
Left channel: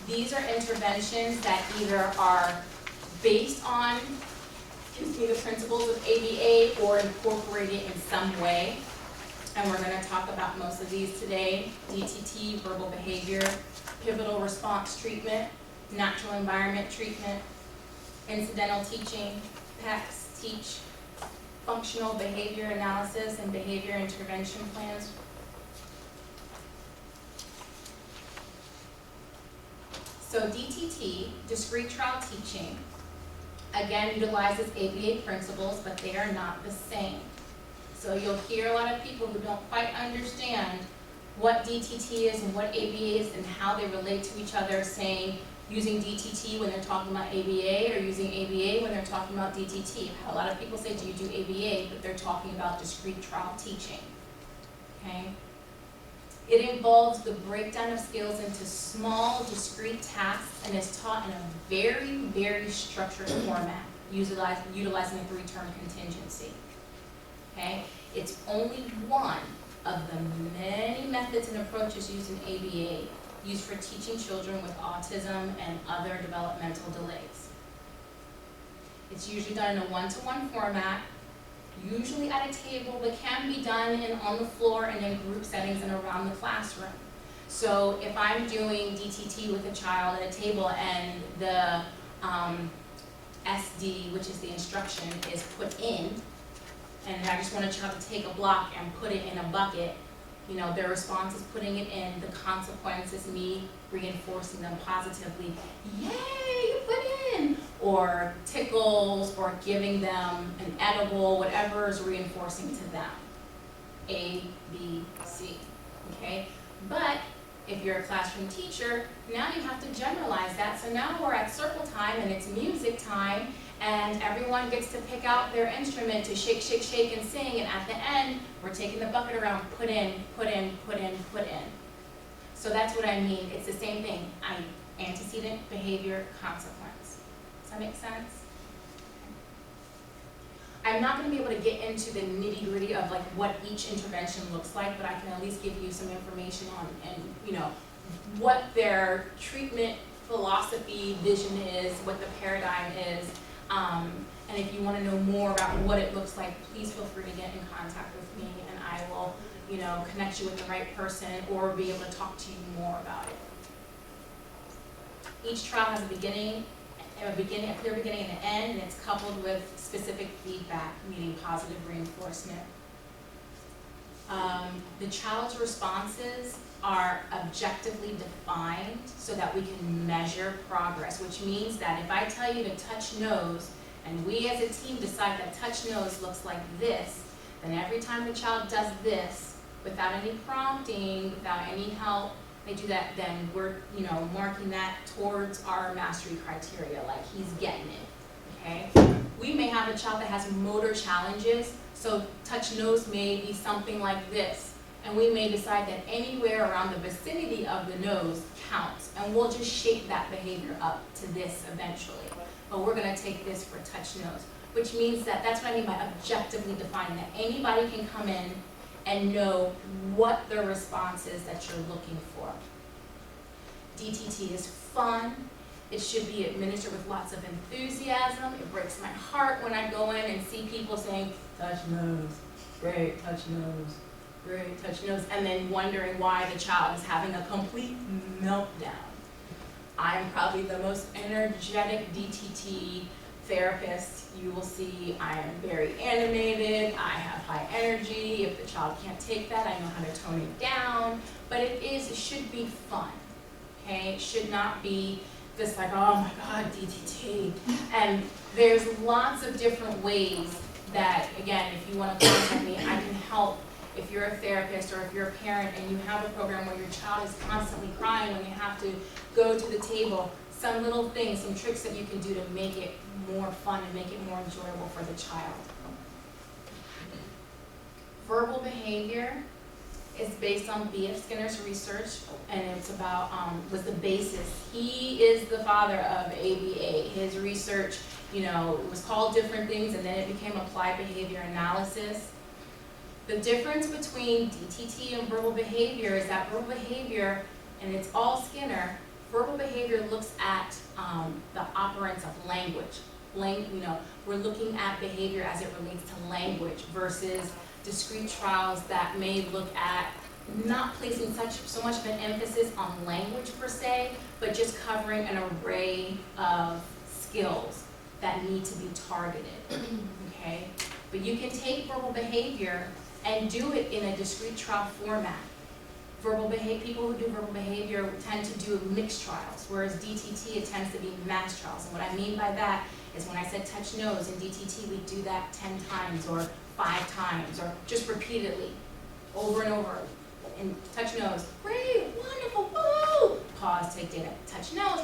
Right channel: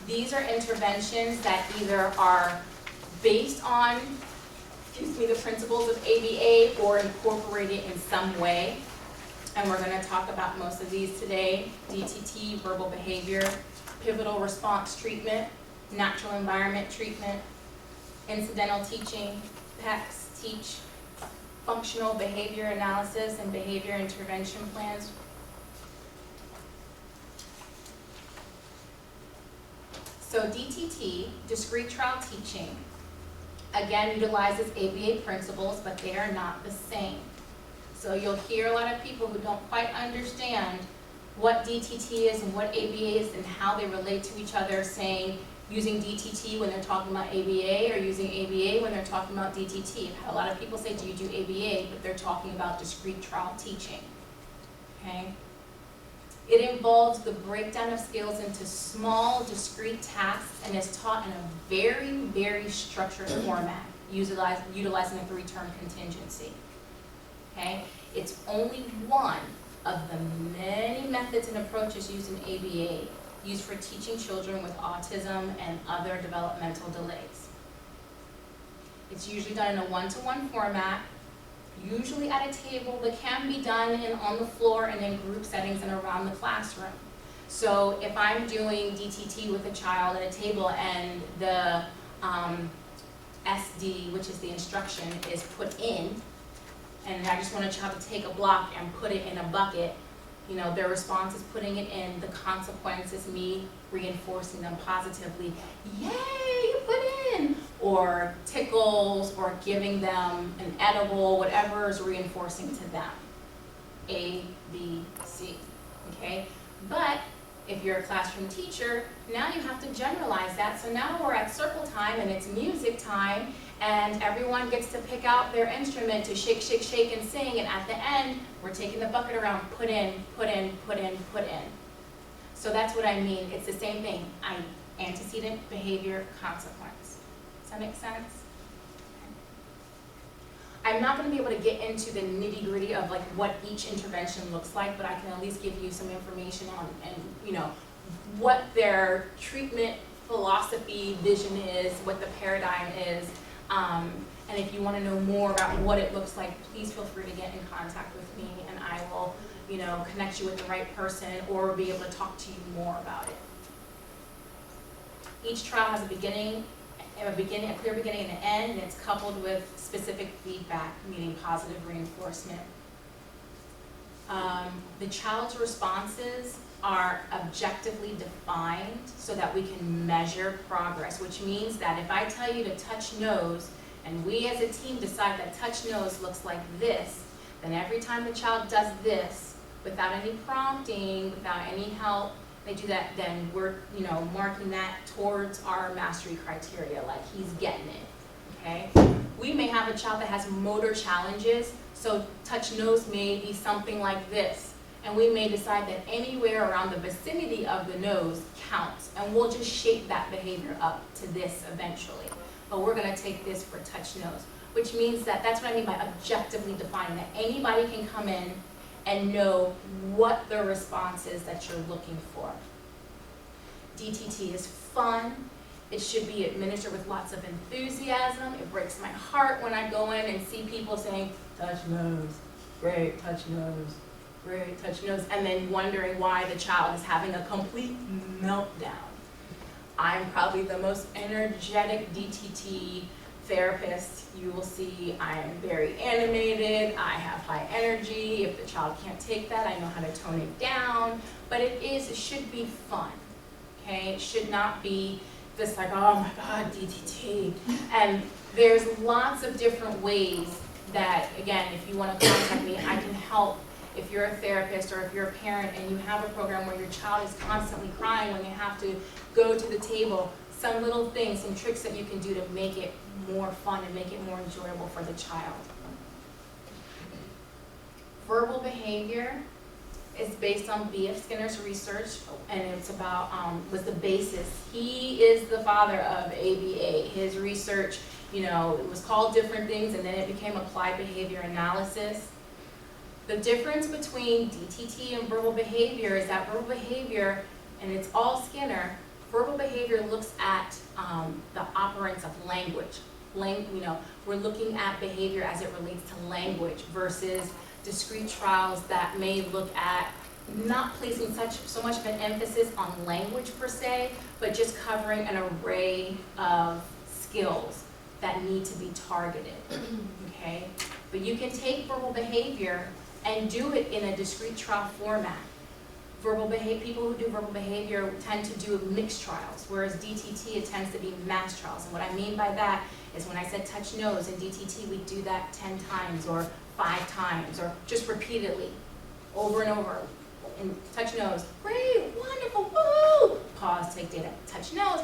These are interventions that either are based on, the principles of ABA or incorporated in some way. And we're going to talk about most of these today: DTT, verbal behavior, pivotal response treatment, natural environment treatment, incidental teaching, PECS, teach, functional behavior analysis, and behavior intervention plans. So DTT, discrete trial teaching, again utilizes ABA principles, but they are not the same. So you'll hear a lot of people who don't quite understand what DTT is and what ABA is and how they relate to each other, saying using DTT when they're talking about ABA or using ABA when they're talking about DTT. I've had a lot of people say, do you do ABA? But they're talking about discrete trial teaching, okay? It involves the breakdown of skills into small, discrete tasks and is taught in a very, very structured format, utilizing a three-term contingency. Okay? It's only one of the many methods and approaches used in ABA, used for teaching children with autism and other developmental delays. It's usually done in a one-to-one format, usually at a table, but can be done on the floor and in group settings and around the classroom. So if I'm doing DTT with a child at a table and the SD, which is the instruction, is put in, and I just want a child to take a block and put it in a bucket, their response is putting it in. The consequence is me reinforcing them positively. Yay, you put in! Or tickles, or giving them an edible, whatever is reinforcing to them. A, B, C, okay? But if you're a classroom teacher, now you have to generalize that. So now we're at circle time and it's music time, and everyone gets to pick out their instrument to shake, shake, shake, and sing, and at the end, we're taking the bucket around, put in, put in, put in, put in. So that's what I mean. It's the same thing. Antecedent, behavior, consequence. Does that make sense? Okay. I'm not going to be able to get into the nitty-gritty of what each intervention looks like, but I can at least give you some information on what their treatment philosophy, vision is, what the paradigm is. And if you want to know more about what it looks like, please feel free to get in contact with me, and I will, connect you with the right person or be able to talk to you more about it. Each trial has a clear beginning and an end, and it's coupled with specific feedback, meaning positive reinforcement. The child's responses are objectively defined so that we can measure progress, which means that if I tell you to touch nose, and we as a team decide that touch nose looks like this, then every time the child does this, without any prompting, without any help, they do that, then we're marking that towards our mastery criteria, like he's getting it, okay? We may have a child that has motor challenges, so touch nose may be something like this. And we may decide that anywhere around the vicinity of the nose counts, and we'll just shape that behavior up to this eventually. But we're going to take this for touch nose, which means that's what I mean by objectively defining, that anybody can come in and know what the response is that you're looking for. DTT is fun. It should be administered with lots of enthusiasm. It breaks my heart when I go in and see people saying, touch nose, great, touch nose, great, touch nose, and then wondering why the child is having a complete meltdown. I'm probably the most energetic DTT therapist you will see. I am very animated, I have high energy. If the child can't take that, I know how to tone it down, but it should be fun, okay? It should not be this like, oh my God, DTT. And there's lots of different ways that, again, if you want to contact me, I can help. If you're a therapist or if you're a parent and you have a program where your child is constantly crying when they have to go to the table, some little things, some tricks that you can do to make it more fun and make it more enjoyable for the child. Verbal behavior is based on B.F. Skinner's research, and it's about, was the basis. He is the father of ABA. His research, it was called different things, and then it became applied behavior analysis. The difference between DTT and verbal behavior is that verbal behavior, and it's all Skinner, verbal behavior looks at the operance of language. We're looking at behavior as it relates to language versus discrete trials that may look at not placing so much of an emphasis on language per se, but just covering an array of skills that need to be targeted, okay? But you can take verbal behavior and do it in a discrete trial format. People who do verbal behavior tend to do mixed trials, whereas DTT, it tends to be mass trials. And what I mean by that is when I said touch nose in DTT, we do that 10 times or 5 times or just repeatedly, over and over. And touch nose, great, wonderful, woo! Pause, take data. Touch nose,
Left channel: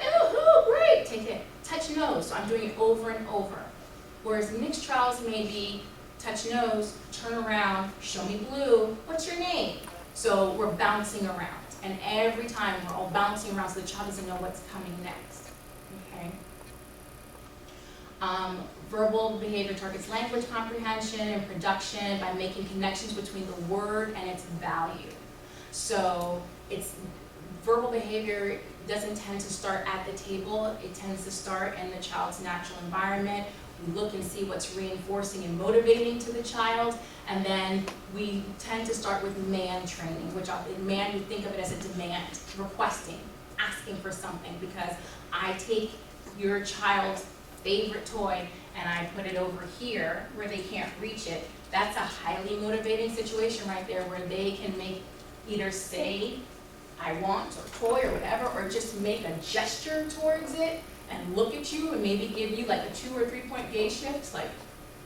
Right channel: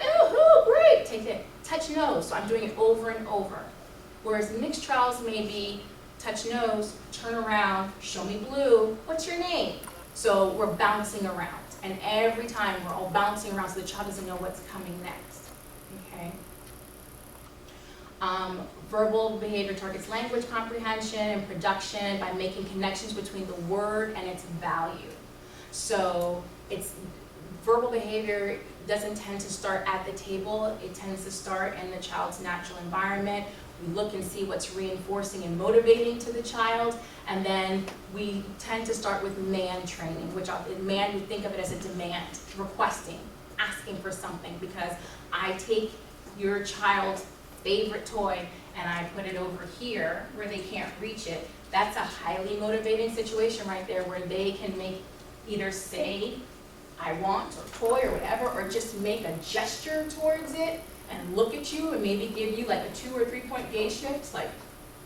woohoo, great, take it. Touch nose, so I'm doing it over and over. Whereas mixed trials may be touch nose, turn around, show me blue, what's your name? So we're bouncing around, and every time we're all bouncing around so the child doesn't know what's coming next, okay? Verbal behavior targets language comprehension and production by making connections between the word and its value. So verbal behavior doesn't tend to start at the table, it tends to start in the child's natural environment. We look and see what's reinforcing and motivating to the child, and then we tend to start with man training, which man, we think of it as a demand, requesting, asking for something, because I take your child's favorite toy and I put it over here where they can't reach it. That's a highly motivating situation right there where they can either say, I want, or toy, or whatever, or just make a gesture towards it and look at you and maybe give you like a 2 or 3 point gaze shift, like,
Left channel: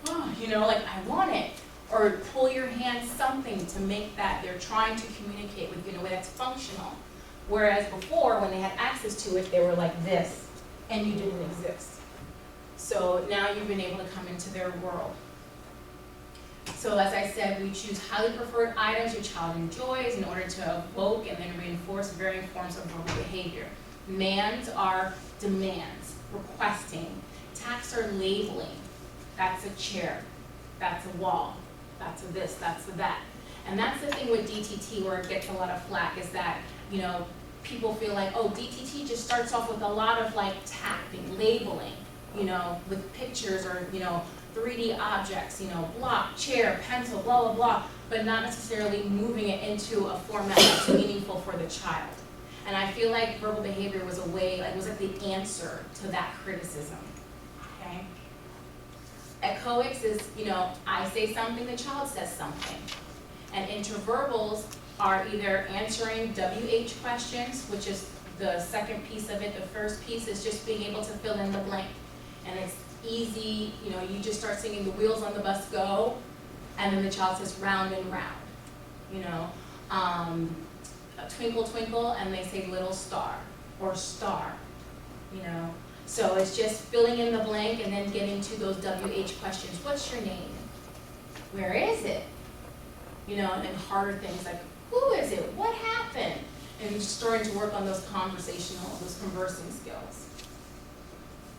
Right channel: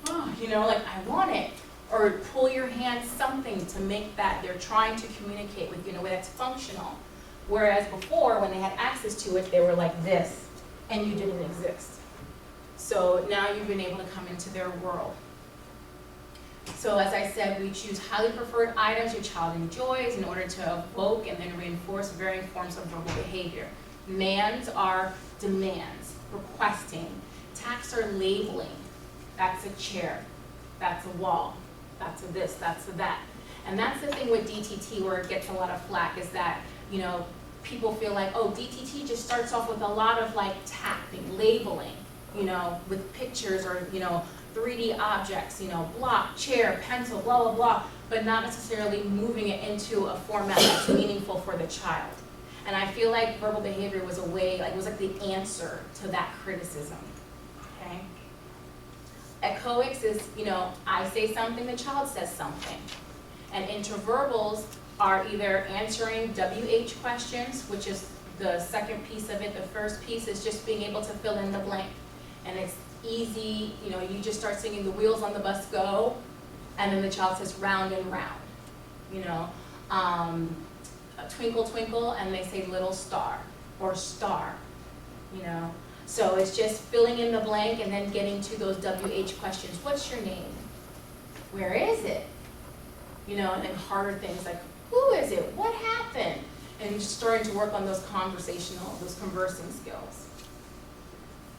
oh, like I want it. Or pull your hand, something to make that they're trying to communicate with you in a way that's functional. Whereas before, when they had access to it, they were like this, and you didn't exist. So now you've been able to come into their world. So as I said, we choose highly preferred items your child enjoys in order to evoke and then reinforce varying forms of verbal behavior. Mands are demands, requesting. Tacts are labeling. That's a chair, that's a wall, that's a this, that's a that. And that's the thing with DTT where it gets a lot of flack is that, people feel like, oh, DTT just starts off with a lot of like tapping, labeling, with pictures or, 3D objects, block, chair, pencil, blah, blah, blah, but not necessarily moving it into a format that's meaningful for the child. And I feel like verbal behavior was was like the answer to that criticism, okay? Echoics is, I say something, the child says something. And interverbals are either answering WH questions, which is the second piece of it. The first piece is just being able to fill in the blank. And it's easy, you just start singing the wheels on the bus go, and then the child says round and round, twinkle, twinkle, and they say little star, or star, So it's just filling in the blank and then getting to those WH questions. What's your name? Where is it? And then harder things like, who is it? What happened? And you're starting to work on those conversing skills.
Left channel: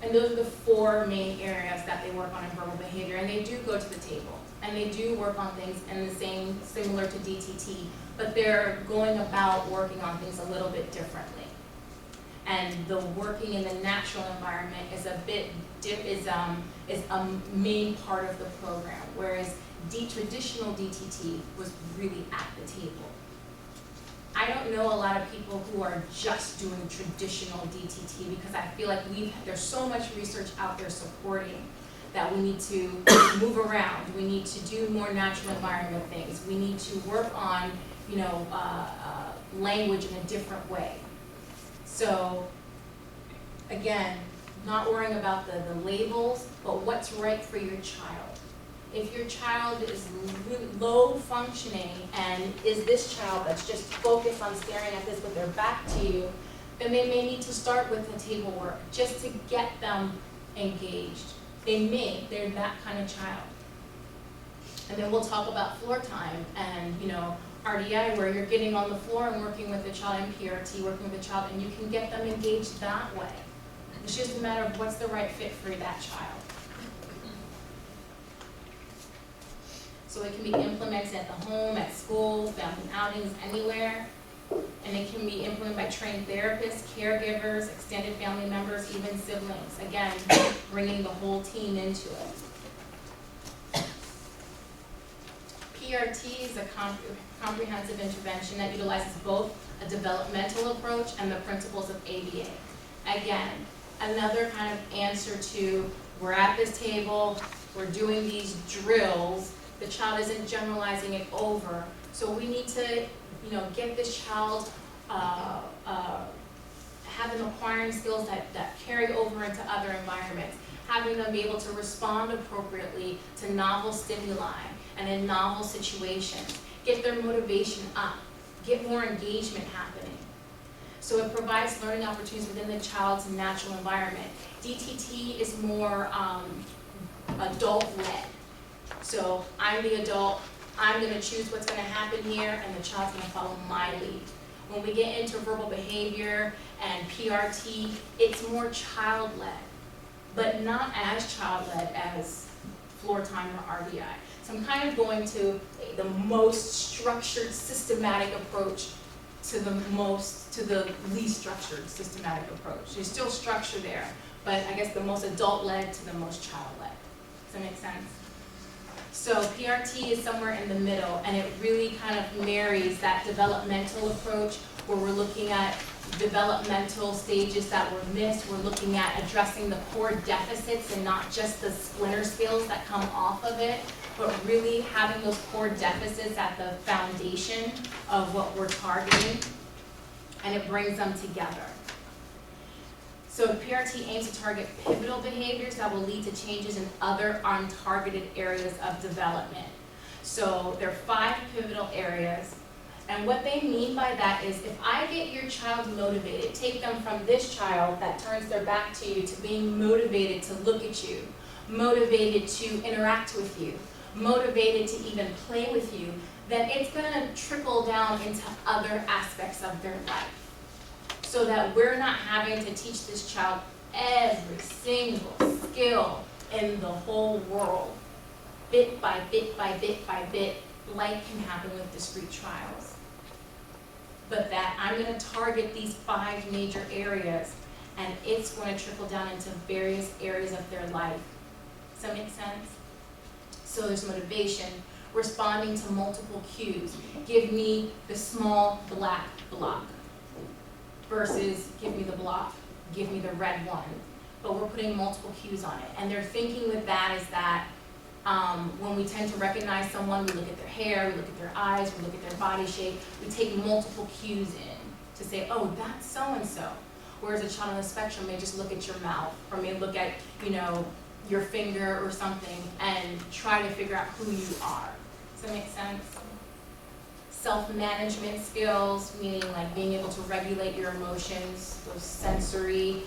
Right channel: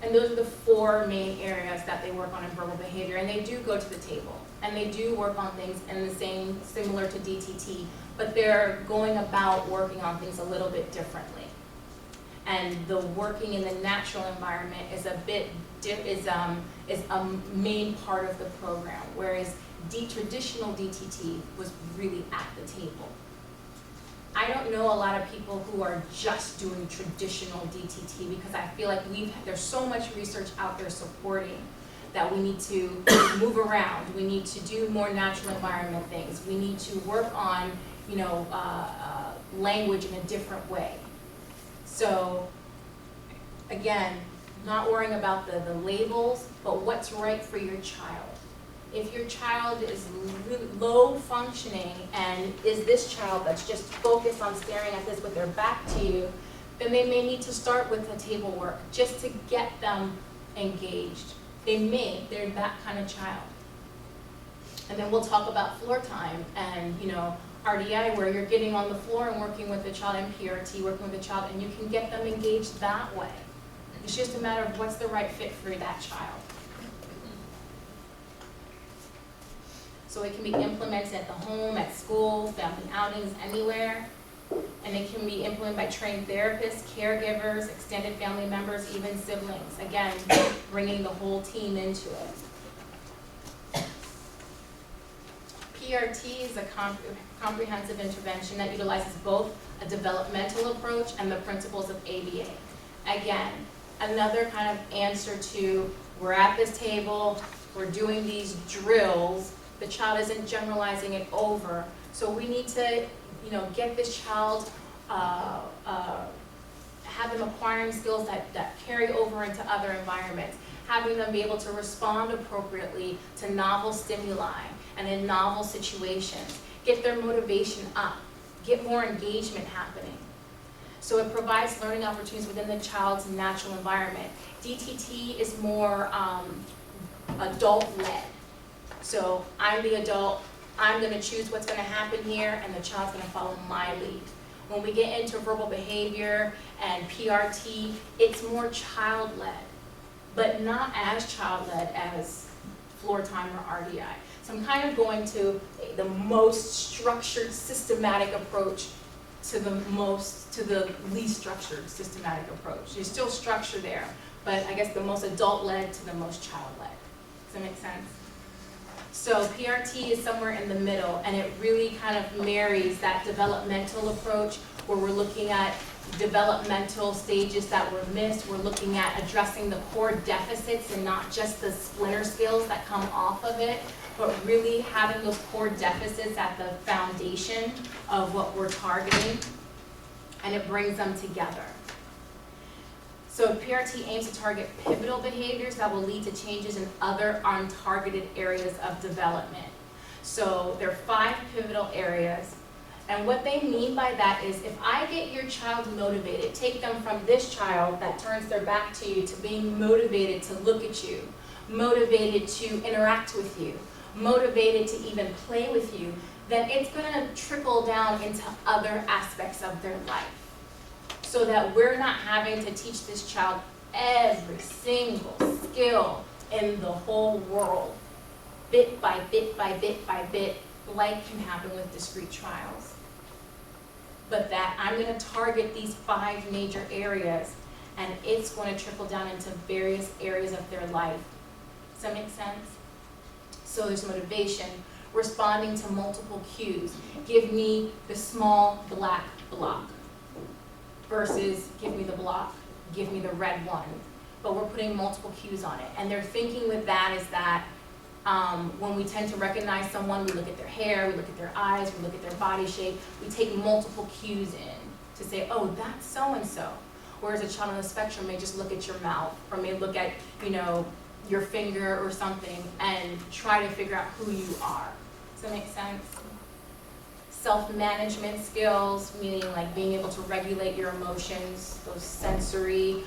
And those are the 4 main areas that they work on in verbal behavior. And they do go to the table. And they do work on things similar to DTT, but they're going about working on things a little bit differently. and the working in the natural environment is a main part of the program, whereas traditional DTT was really at the table. I don't know a lot of people who are just doing traditional DTT because I feel like there's so much research out there supporting that we need to move around. We need to do more natural environment things. We need to work on, language in a different way. So, again, not worrying about the labels, but what's right for your child. If your child is really low functioning and is this child that's just focused on staring at this with their back to you, then they may need to start with the table work just to get them engaged. They're that kind of child. And then we'll talk about floor time and, RDI, where you're getting on the floor and working with the child, and PRT, working with the child, and you can get them engaged that way. It's just a matter of what's the right fit for that child. So it can be implemented at the home, at school, family outings, anywhere. And it can be implemented by trained therapists, caregivers, extended family members, even siblings. Again, bringing the whole team into it. PRT is a comprehensive intervention that utilizes both a developmental approach and the principles of ABA. Again, another kind of answer to, we're at this table, we're doing these drills, the child isn't generalizing it over. So we need to, get this child, have them acquiring skills that carry over into other environments, having them be able to respond appropriately to novel stimuli and in novel situations, get their motivation up, get more engagement happening. So it provides learning opportunities within the child's natural environment. DTT is more adult-led. So I'm the adult, I'm going to choose what's going to happen here, and the child's going to follow my lead. When we get into verbal behavior and PRT, it's more child-led, but not as child-led as floor time or RDI. So I'm kind of going to the most structured, systematic approach to the least structured, systematic approach. There's still structure there, but I guess the most adult-led to the most child-led. Does that make sense? So PRT is somewhere in the middle, and it really kind of marries that developmental approach where we're looking at developmental stages that were missed. We're looking at addressing the core deficits and not just the splinter skills that come off of it, but really having those core deficits at the foundation of what we're targeting, and it brings them together. So PRT aims to target pivotal behaviors that will lead to changes in other untargeted areas of development. So there are 5 pivotal areas, and what they mean by that is if I get your child motivated, take them from this child that turns their back to you to being motivated to look at you, motivated to interact with you, motivated to even play with you, then it's going to trickle down into other aspects of their life. So that we're not having to teach this child every single skill in the whole world, bit by bit by bit by bit, like can happen with discrete trials. But that I'm going to target these 5 major areas, and it's going to trickle down into various areas of their life. Does that make sense? So there's motivation, responding to multiple cues. Give me the small black block. Versus give me the block, give me the red one. But we're putting multiple cues on it. And their thinking with that is that when we tend to recognize someone, we look at their hair, we look at their eyes, we look at their body shape, we take multiple cues in to say, oh, that's so-and-so. Whereas a child on the spectrum may just look at your mouth or may look at, your finger or something and try to figure out who you are. Does that make sense? Self-management skills, meaning like being able to regulate your emotions, those sensory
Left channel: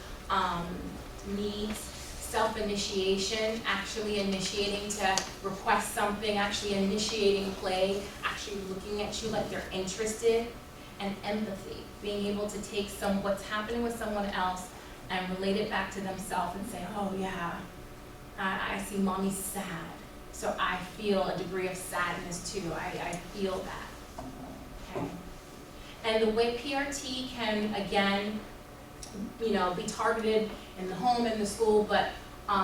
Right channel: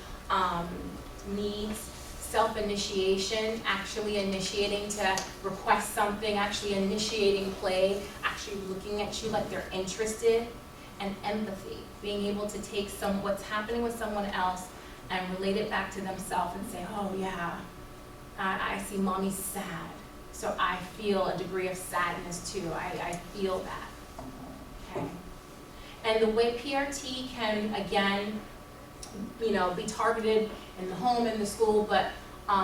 needs. Self-initiation, actually initiating to request something, actually initiating play, actually looking at you like they're interested. And empathy, being able to take what's happening with someone else and relate it back to themselves and say, oh yeah, I see mommy's sad, so I feel a degree of sadness too. I feel that. Okay. And the way PRT can, again, be targeted in the home and the school, but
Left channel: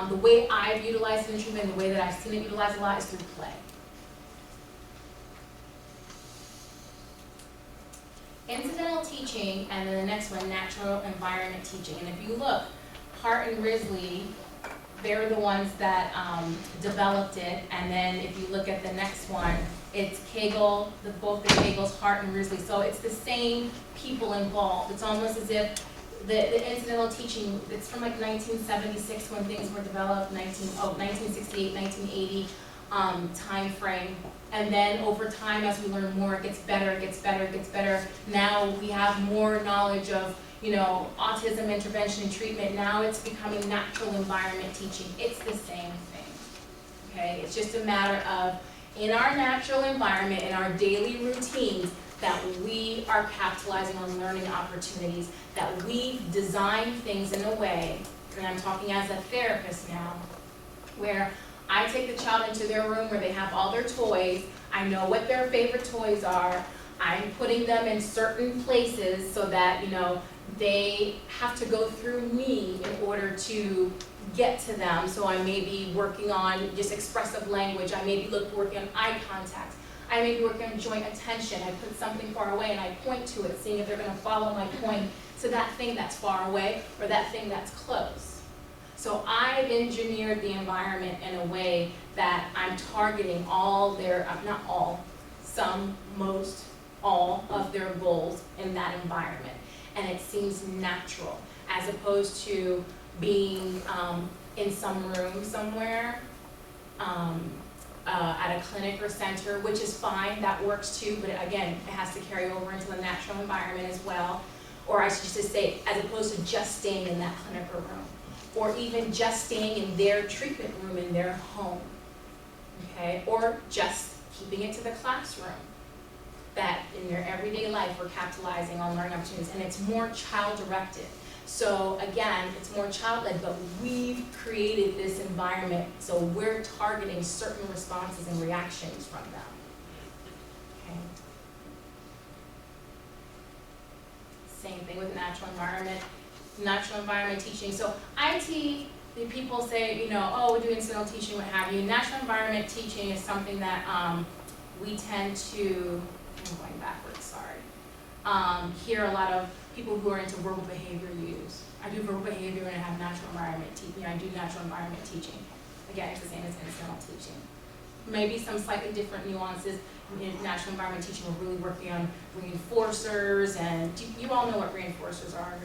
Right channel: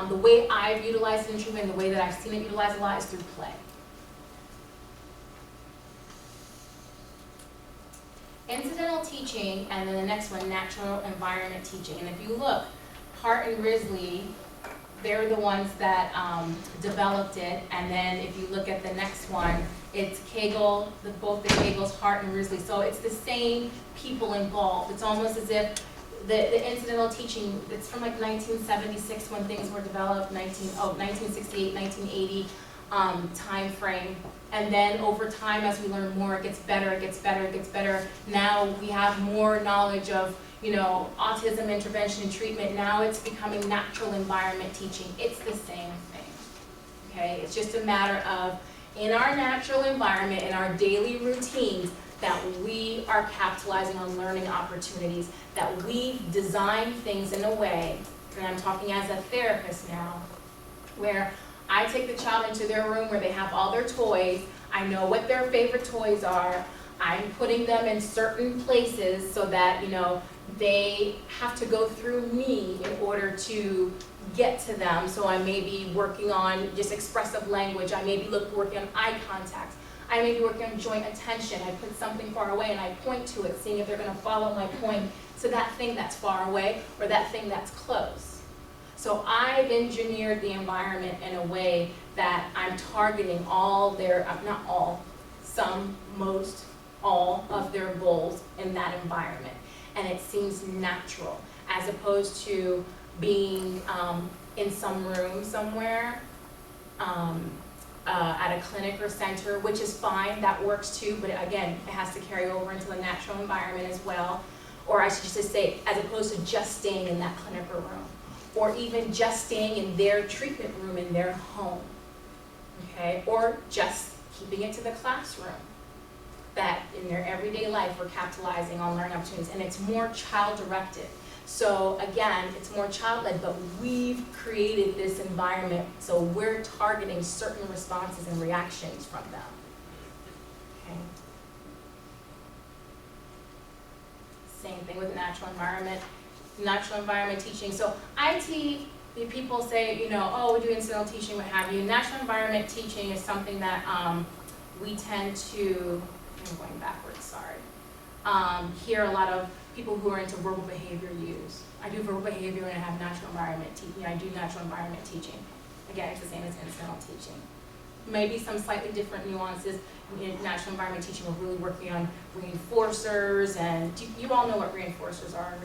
the way I've utilized it in treatment, the way that I've seen it utilized a lot is through play. Incidental teaching, and then the next one, natural environment teaching. And if you look, Hart and Risley, they're the ones that developed it. And then if you look at the next one, it's Kegel, both the Kegels, Hart and Risley. So it's the same people involved. It's almost as if the incidental teaching, it's from like 1976 when things were developed, 1968, 1980 time frame. And then over time, as we learn more, it gets better, it gets better, it gets better. Now we have more knowledge of, autism intervention and treatment. Now it's becoming natural environment teaching. It's the same thing, okay? It's just a matter of, in our natural environment, in our daily routines, that we are capitalizing on learning opportunities, that we design things in a way, and I'm talking as a therapist now, where I take the child into their room where they have all their toys, I know what their favorite toys are, I'm putting them in certain places so that, they have to go through me in order to get to them. So I may be working on just expressive language, I may be working on eye contact, I may be working on joint attention. I put something far away and I point to it, seeing if they're going to follow my point to that thing that's far away or that thing that's close. So I've engineered the environment in a way that I'm targeting all their, not all, some, most, all of their goals in that environment. And it seems natural, as opposed to being in some room somewhere, at a clinic or center, which is fine, that works too, but again, it has to carry over into the natural environment as well. Or I should just say, as opposed to just staying in that clinic or room, or even just staying in their treatment room in their home, okay? Or just keeping it to the classroom, that in their everyday life we're capitalizing on learning opportunities, and it's more child-directed. So again, it's more child-led, but we've created this environment so we're targeting certain responses and reactions from them, okay? Same thing with natural environment teaching. So IT, the people say, oh, we do incidental teaching, what have you. Natural environment teaching is something that we tend to, I'm going backwards, sorry, hear a lot of people who are into verbal behavior use. I do verbal behavior and I have natural environment teaching. I do natural environment teaching. Again, it's the same as incidental teaching. Maybe some slightly different nuances. In natural environment teaching, we're really working on reinforcers, and you all know what reinforcers are.